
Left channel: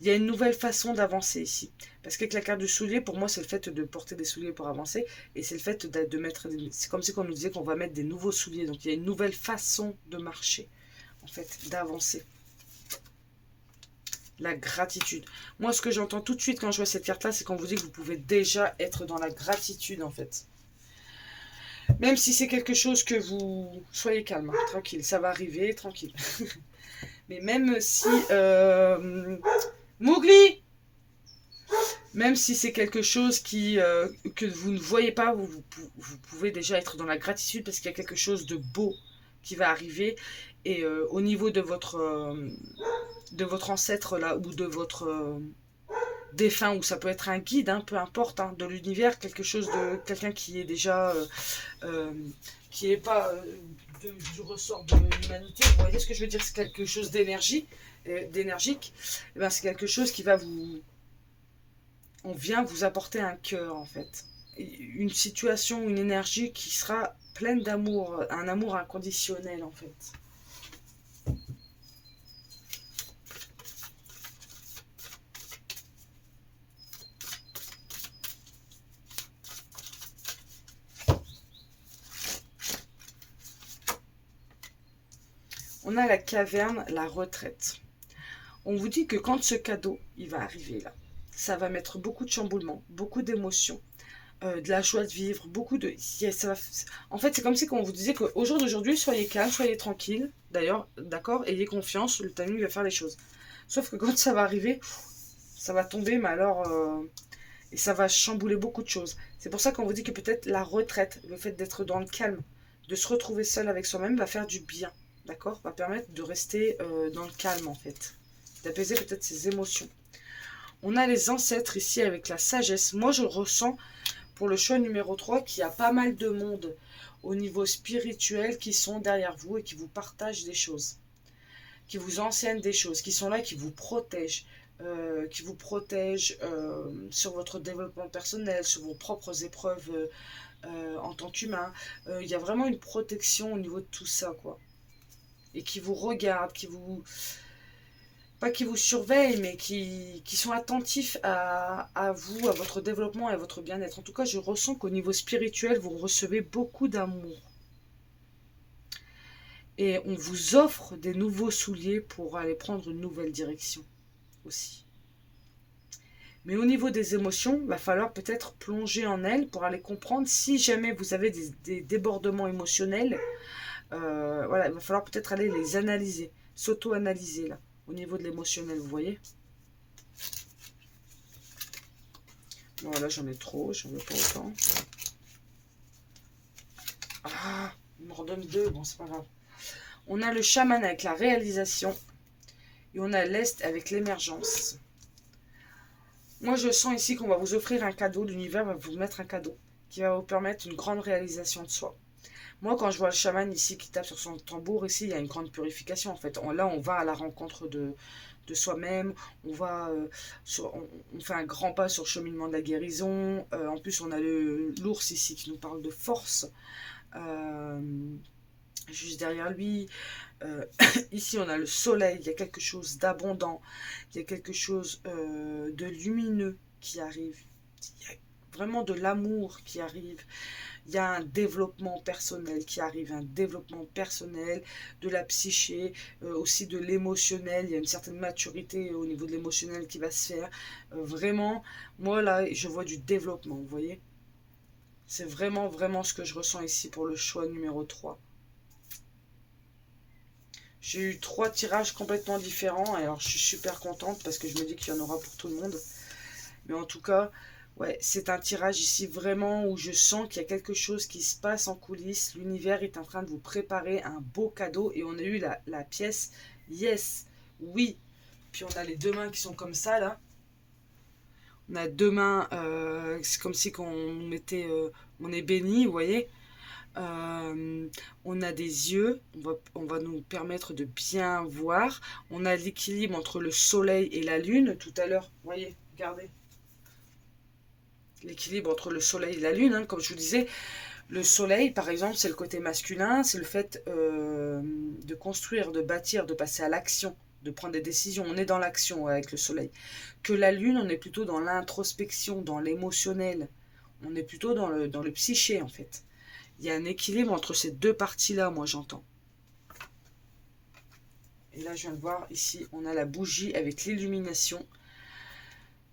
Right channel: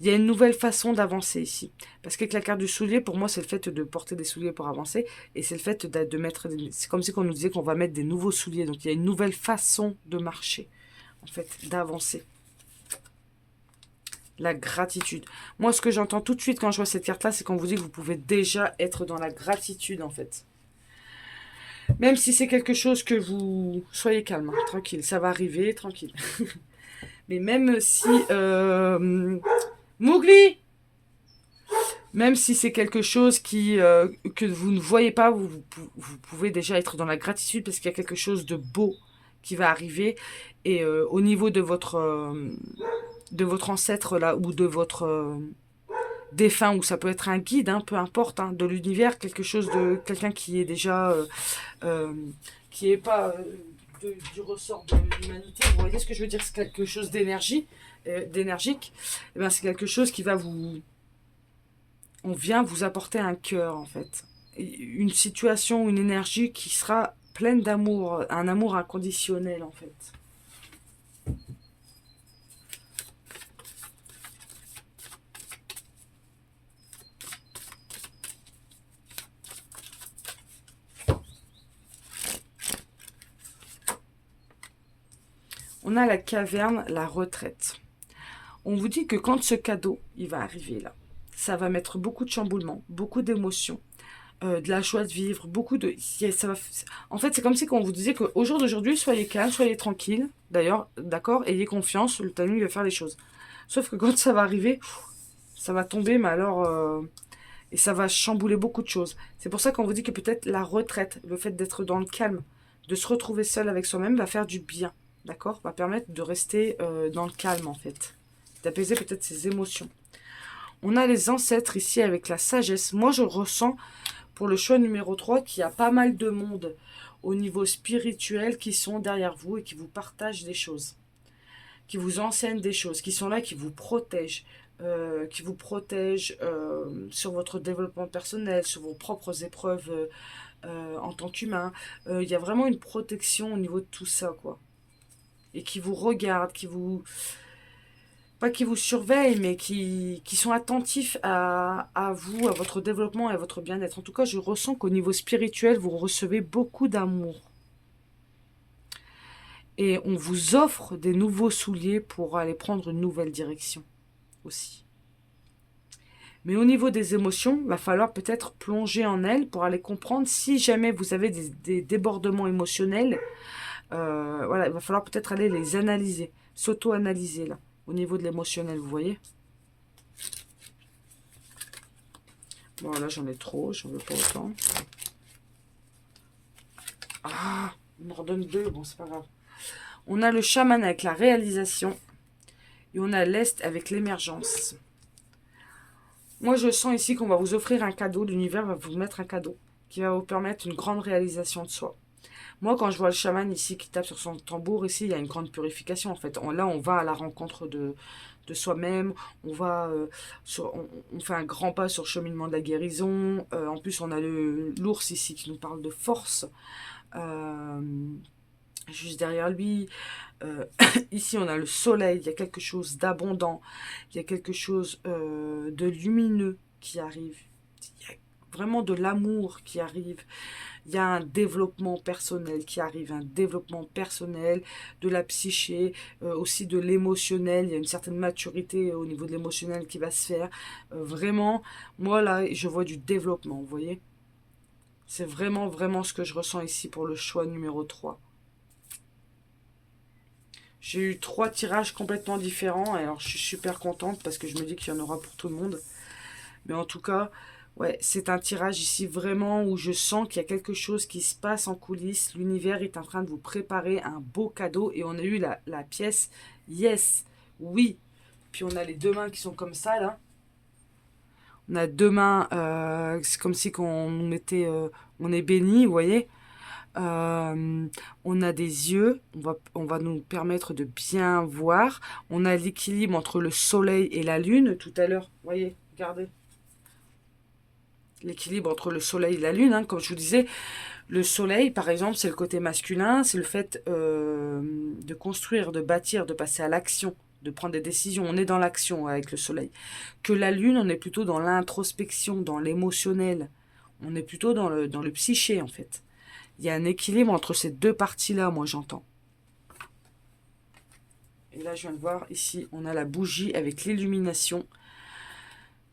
Il y a une nouvelle façon d'avancer ici. Parce qu'avec la carte du soulier, pour moi, c'est le fait de porter des souliers pour avancer. Et c'est le fait de mettre... C'est comme si on nous disait qu'on va mettre des nouveaux souliers. Donc il y a une nouvelle façon de marcher, en fait, d'avancer. La gratitude. Moi, ce que j'entends tout de suite quand je vois cette carte-là, c'est qu'on vous dit que vous pouvez déjà être dans la gratitude, en fait. Même si c'est quelque chose que vous... Soyez calme, hein, tranquille, ça va arriver, tranquille. Mais même si... Mowgli! Même si c'est quelque chose que vous ne voyez pas, vous pouvez déjà être dans la gratitude parce qu'il y a quelque chose de beau qui va arriver. Et au niveau de votre ancêtre là, ou de votre défunt, ou ça peut être un guide, hein, peu importe, hein, de l'univers, quelqu'un qui est déjà... qui n'est pas du ressort de l'humanité. Vous voyez ce que je veux dire? C'est quelque chose d'énergique. Et bien, c'est quelque chose qui va vous... On vient vous apporter un cœur, en fait. Une situation, une énergie qui sera pleine d'amour, un amour inconditionnel, en fait. On a la caverne, la retraite. On vous dit que quand ce cadeau, il va arriver là, ça va mettre beaucoup de chamboulements, beaucoup d'émotions, de la joie de vivre, beaucoup de... En fait, c'est comme si on vous disait qu'au jour d'aujourd'hui, soyez calme, soyez tranquille. D'ailleurs, d'accord, ayez confiance, le timing va faire les choses. Sauf que quand ça va arriver, Ça va tomber, mais alors... et ça va chambouler beaucoup de choses. C'est pour ça qu'on vous dit que peut-être la retraite, le fait d'être dans le calme, de se retrouver seul avec soi-même, va faire du bien. D'accord? Va permettre de rester dans le calme, en fait. D'apaiser peut-être ses émotions. On a les ancêtres ici avec la sagesse. Moi, je ressens pour le choix numéro 3 qu'il y a pas mal de monde au niveau spirituel qui sont derrière vous et qui vous partagent des choses, qui vous enseignent des choses, qui sont là, qui vous protègent sur votre développement personnel, sur vos propres épreuves en tant qu'humain. Il y a vraiment une protection au niveau de tout ça, quoi. Et qui vous regardent, qui vous... Pas qui vous surveillent, mais qui sont attentifs à vous, à votre développement et à votre bien-être. En tout cas, je ressens qu'au niveau spirituel, vous recevez beaucoup d'amour. Et on vous offre des nouveaux souliers pour aller prendre une nouvelle direction aussi. Mais au niveau des émotions, il va falloir peut-être plonger en elles pour aller comprendre si jamais vous avez des débordements émotionnels. Voilà, il va falloir peut-être aller les analyser, s'auto-analyser là, au niveau de l'émotionnel, vous voyez. Bon, là j'en ai trop, j'en veux pas autant. Ah, on me redonne deux, bon c'est pas grave. On a le chaman avec la réalisation et on a l'Est avec l'émergence. Moi, je sens ici qu'on va vous offrir un cadeau. L'univers va vous mettre un cadeau qui va vous permettre une grande réalisation de soi. Moi, quand je vois le chaman ici qui tape sur son tambour, ici, il y a une grande purification, en fait. Là, on va à la rencontre de soi-même. On va on fait un grand pas sur le cheminement de la guérison. En plus, on a l'ours ici qui nous parle de force. Euh, Juste derrière lui. Euh, Ici, on a le soleil, il y a quelque chose d'abondant, il y a quelque chose de lumineux qui arrive. Il y a vraiment de l'amour qui arrive. Il y a un développement personnel qui arrive, un développement personnel de la psyché, aussi de l'émotionnel. Il y a une certaine maturité au niveau de l'émotionnel qui va se faire. Vraiment, moi là, je vois du développement, vous voyez. C'est vraiment, vraiment ce que je ressens ici pour le choix numéro 3. J'ai eu 3 tirages complètement différents. Et alors, je suis super contente parce que je me dis qu'il y en aura pour tout le monde. Mais en tout cas, ouais, c'est un tirage ici vraiment où je sens qu'il y a quelque chose qui se passe en coulisses. L'univers est en train de vous préparer un beau cadeau. Et on a eu la pièce yes, oui. Puis on a les deux mains qui sont comme ça, là. On a deux mains, c'est comme si on nous mettait, on est béni, vous voyez. Euh, on a des yeux, on va nous permettre de bien voir. On a l'équilibre entre le soleil et la lune. Tout à l'heure, vous voyez, regardez. L'équilibre entre le soleil et la lune, hein, comme je vous disais. Le soleil, par exemple, c'est le côté masculin, c'est le fait de construire, de bâtir, de passer à l'action, de prendre des décisions. On est dans l'action avec le soleil. Que la lune, on est plutôt dans l'introspection, dans l'émotionnel. On est plutôt dans le psyché, en fait. Il y a un équilibre entre ces deux parties-là, moi j'entends. Et là, je viens de voir, ici, on a la bougie avec l'illumination.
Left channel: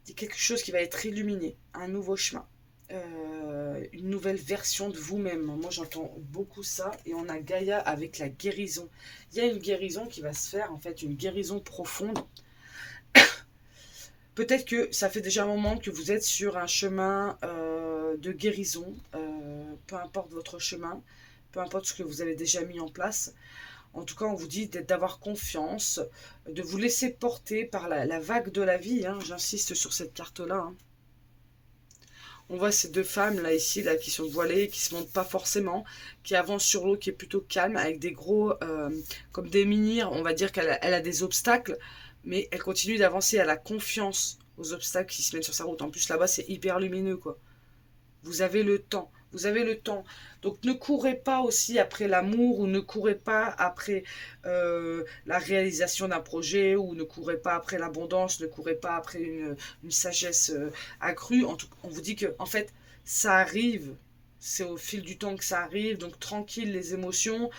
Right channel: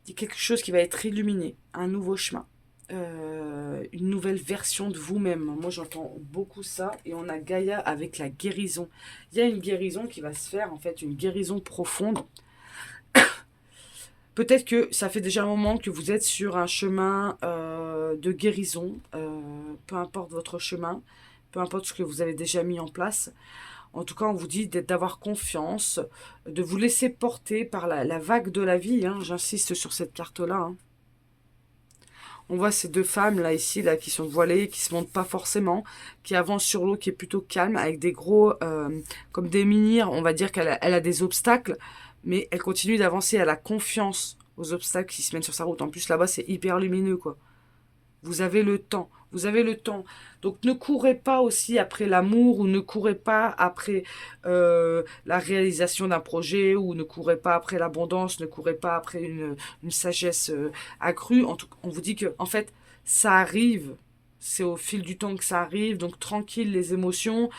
Il y a quelque chose qui va être illuminé, un nouveau chemin. Une nouvelle version de vous-même. Moi, j'entends beaucoup ça. Et on a Gaïa avec la guérison. Il y a une guérison qui va se faire, en fait, une guérison profonde. Peut-être que ça fait déjà un moment que vous êtes sur un chemin de guérison. Peu importe votre chemin, peu importe ce que vous avez déjà mis en place. En tout cas, on vous dit d'avoir confiance, de vous laisser porter par la vague de la vie. Hein. J'insiste sur cette carte-là. Hein. On voit ces deux femmes là ici là qui sont voilées, qui se montrent pas forcément, qui avancent sur l'eau, qui est plutôt calme, avec des gros comme des menhirs. On va dire qu'elle a des obstacles, mais elle continue d'avancer. Elle a confiance aux obstacles qui se mènent sur sa route. En plus là-bas c'est hyper lumineux quoi. Vous avez le temps. Vous avez le temps. Donc ne courez pas aussi après l'amour ou ne courez pas après la réalisation d'un projet ou ne courez pas après l'abondance, ne courez pas après une sagesse accrue. On vous dit que en fait ça arrive. C'est au fil du temps que ça arrive. Donc tranquille les émotions.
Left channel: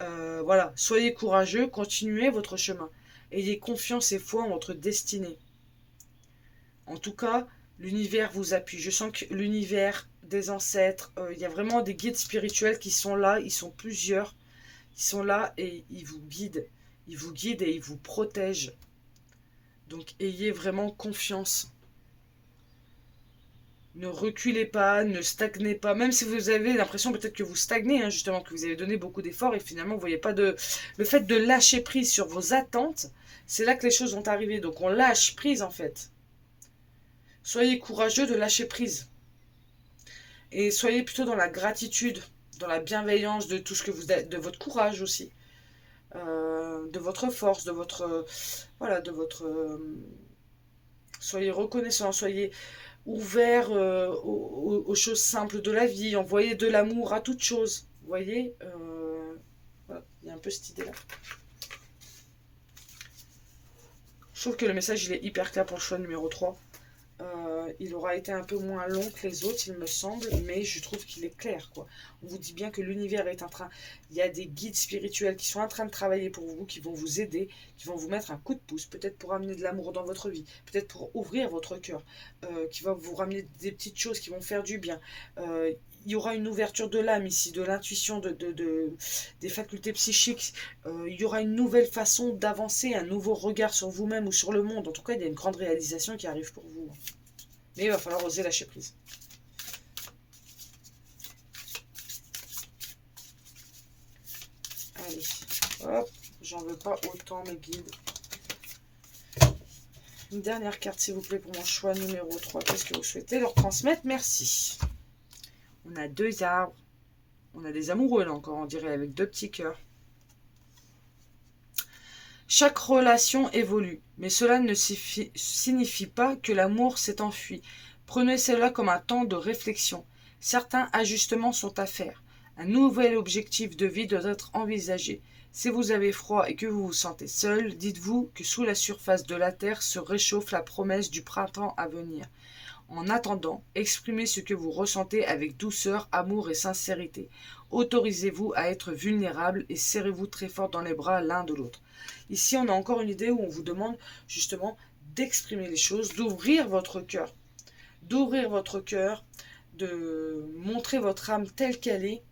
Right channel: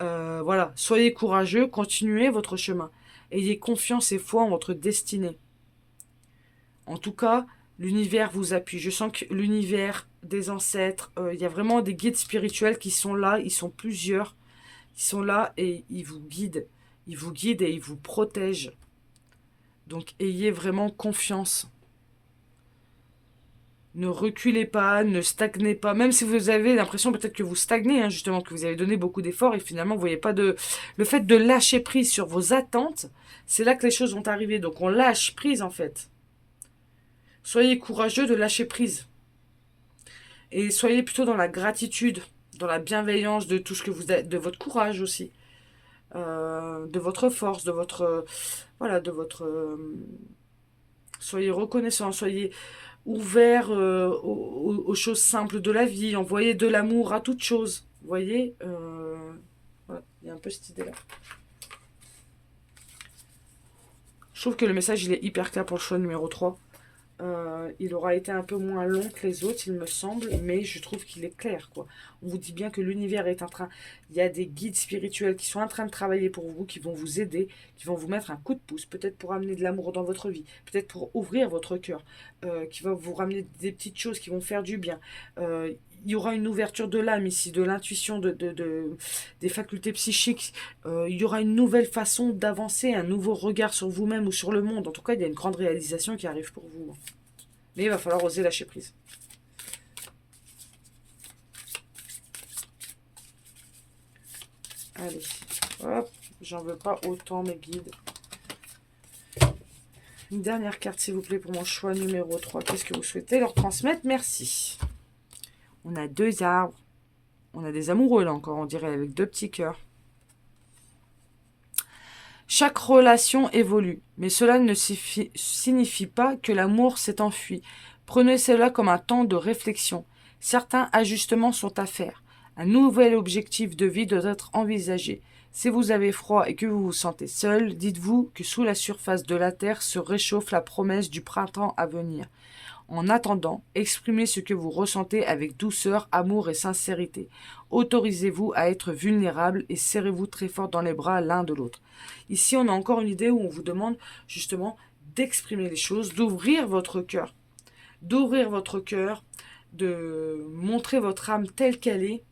Voilà. Soyez courageux. Continuez votre chemin. Ayez confiance et foi en votre destinée. En tout cas, l'univers vous appuie. Je sens que l'univers des ancêtres, il y a vraiment des guides spirituels qui sont là, ils sont plusieurs, ils sont là et ils vous guident. Ils vous guident et ils vous protègent Donc ayez vraiment confiance. Ne reculez pas, ne stagnez pas. Même si vous avez l'impression peut-être que vous stagnez, hein, justement, que vous avez donné beaucoup d'efforts et finalement vous voyez pas de... Le fait de lâcher prise sur vos attentes, c'est là que les choses vont arriver. Donc on lâche prise en fait. Soyez courageux de lâcher prise. Et soyez plutôt dans la gratitude, dans la bienveillance de tout ce que vous avez, de votre courage aussi, de votre force, de votre... voilà, de votre... soyez reconnaissant, soyez ouvert aux choses simples de la vie, envoyez de l'amour à toute chose. Vous voyez, voilà, il y a un peu cette idée-là. Je trouve que le message il est hyper clair pour le choix numéro 3. Il aura été un peu moins long que les autres, il me semble, mais je trouve qu'il est clair, quoi. On vous dit bien que l'univers est en train... Il y a des guides spirituels qui sont en train de travailler pour vous, qui vont vous aider, qui vont vous mettre un coup de pouce, peut-être pour amener de l'amour dans votre vie, peut-être pour ouvrir votre cœur, qui va vous ramener des petites choses qui vont faire du bien. Il y aura une ouverture de l'âme ici, de l'intuition, des facultés psychiques. Il y aura une nouvelle façon d'avancer, un nouveau regard sur vous-même ou sur le monde. En tout cas, il y a une grande réalisation qui arrive pour vous. Mais il va falloir oser lâcher prise. Allez, hop, j'en veux pas autant mes guides. Une dernière carte s'il vous plaît pour mon choix numéro 3. Qu'est-ce que vous souhaitez leur transmettre? Merci. On a 2 arbres. On a des amoureux là encore, on dirait, avec 2 petits cœurs. Chaque relation évolue, mais cela ne signifie pas que l'amour s'est enfui. Prenez cela comme un temps de réflexion. Certains ajustements sont à faire. Un nouvel objectif de vie doit être envisagé. Si vous avez froid et que vous vous sentez seul, dites-vous que sous la surface de la terre se réchauffe la promesse du printemps à venir. En attendant, exprimez ce que vous ressentez avec douceur, amour et sincérité. Autorisez-vous à être vulnérable et serrez-vous très fort dans les bras l'un de l'autre. Ici, on a encore une idée où on vous demande justement d'exprimer les choses, d'ouvrir votre cœur. D'ouvrir votre cœur, de montrer votre âme telle qu'elle est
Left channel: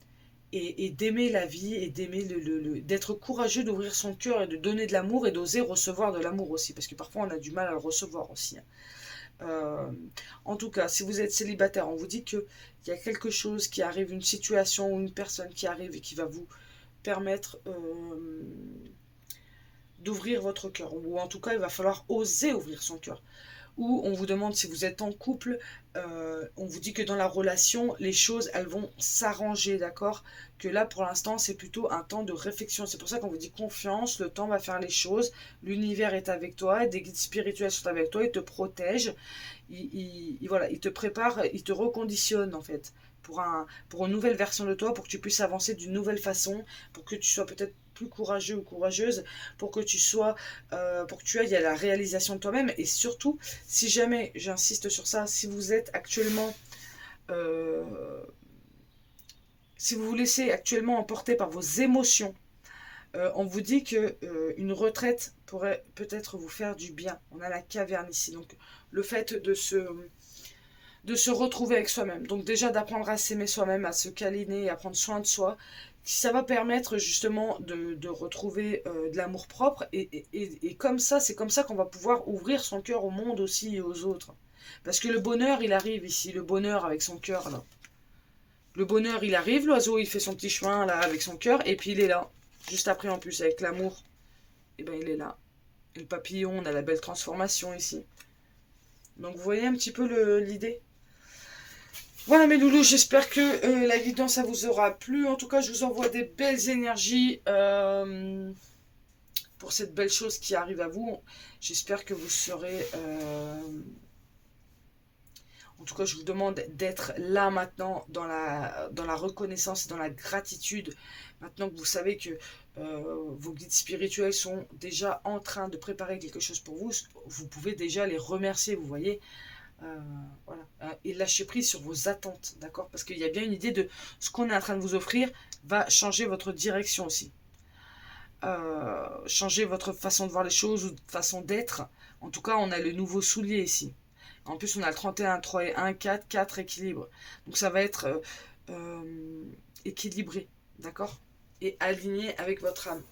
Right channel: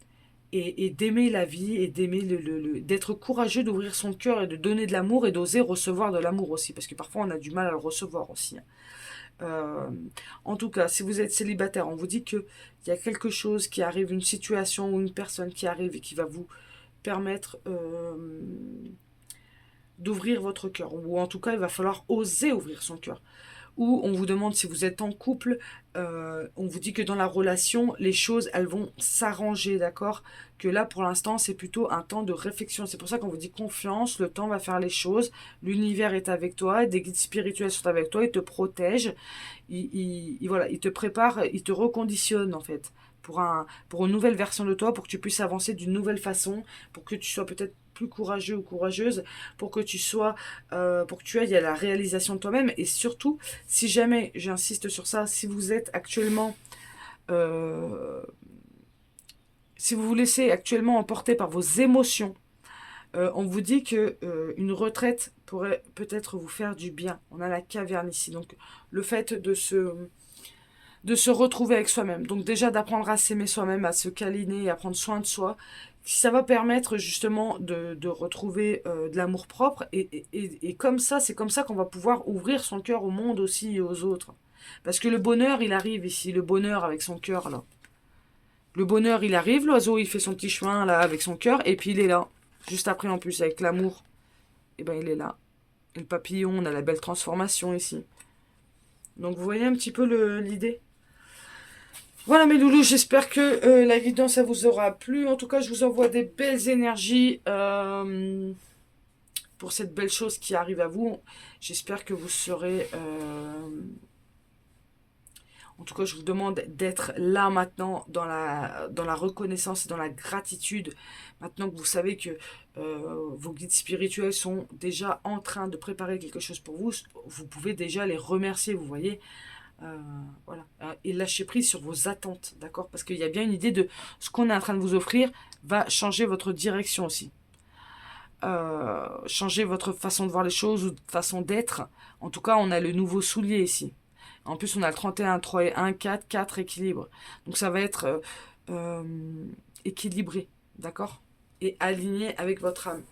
et d'aimer la vie et d'aimer d'être courageux, d'ouvrir son cœur et de donner de l'amour et d'oser recevoir de l'amour aussi. Parce que parfois, on a du mal à le recevoir aussi. En tout cas, si vous êtes célibataire, on vous dit qu'il y a quelque chose qui arrive, une situation ou une personne qui arrive et qui va vous permettre d'ouvrir votre cœur. Ou en tout cas, il va falloir oser ouvrir son cœur. Ou on vous demande si vous êtes en couple, on vous dit que dans la relation, les choses, elles vont s'arranger, d'accord? Que là, pour l'instant, c'est plutôt un temps de réflexion. C'est pour ça qu'on vous dit confiance, le temps va faire les choses, l'univers est avec toi, des guides spirituels sont avec toi, ils te protègent, voilà, ils te préparent, ils te reconditionnent, en fait, pour une nouvelle version de toi, pour que tu puisses avancer d'une nouvelle façon, pour que tu sois peut-être plus courageux ou courageuse, pour que tu sois, pour que tu ailles à la réalisation de toi-même. Et surtout, si jamais, j'insiste sur ça, si vous êtes actuellement, si vous vous laissez actuellement emporter par vos émotions, on vous dit que une retraite pourrait peut-être vous faire du bien. On a la caverne ici, donc le fait de se retrouver avec soi-même. Donc déjà d'apprendre à s'aimer soi-même, à se câliner, à prendre soin de soi. Ça va permettre justement de retrouver de l'amour propre. Et comme ça, c'est comme ça qu'on va pouvoir ouvrir son cœur au monde aussi et aux autres. Parce que le bonheur, il arrive ici. Le bonheur avec son cœur, là. Le bonheur, il arrive. L'oiseau, il fait son petit chemin, là, avec son cœur. Et puis, il est là. Juste après, en plus, avec l'amour. Et ben, il est là. Et le papillon, on a la belle transformation ici. Donc, vous voyez un petit peu l'idée. Voilà mes loulous, j'espère que la guidance ça vous aura plu. En tout cas, je vous envoie des belles énergies pour cette belle chose qui arrive à vous. J'espère que vous serez... en tout cas, je vous demande d'être là maintenant dans la reconnaissance et dans la gratitude. Maintenant que vous savez que vos guides spirituels sont déjà en train de préparer quelque chose pour vous, vous pouvez déjà les remercier, vous voyez. Voilà. Et lâcher prise sur vos attentes, d'accord? Parce qu'il y a bien une idée de ce qu'on est en train de vous offrir va changer votre direction aussi. Changer votre façon de voir les choses ou façon d'être. En tout cas, on a le nouveau soulier ici. En plus, on a le 31, 3 et 1, 4, 4 équilibre. Donc ça va être équilibré, d'accord? Et aligné avec votre âme.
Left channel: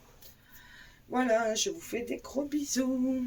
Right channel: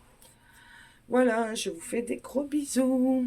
Voilà, je vous fais des gros bisous.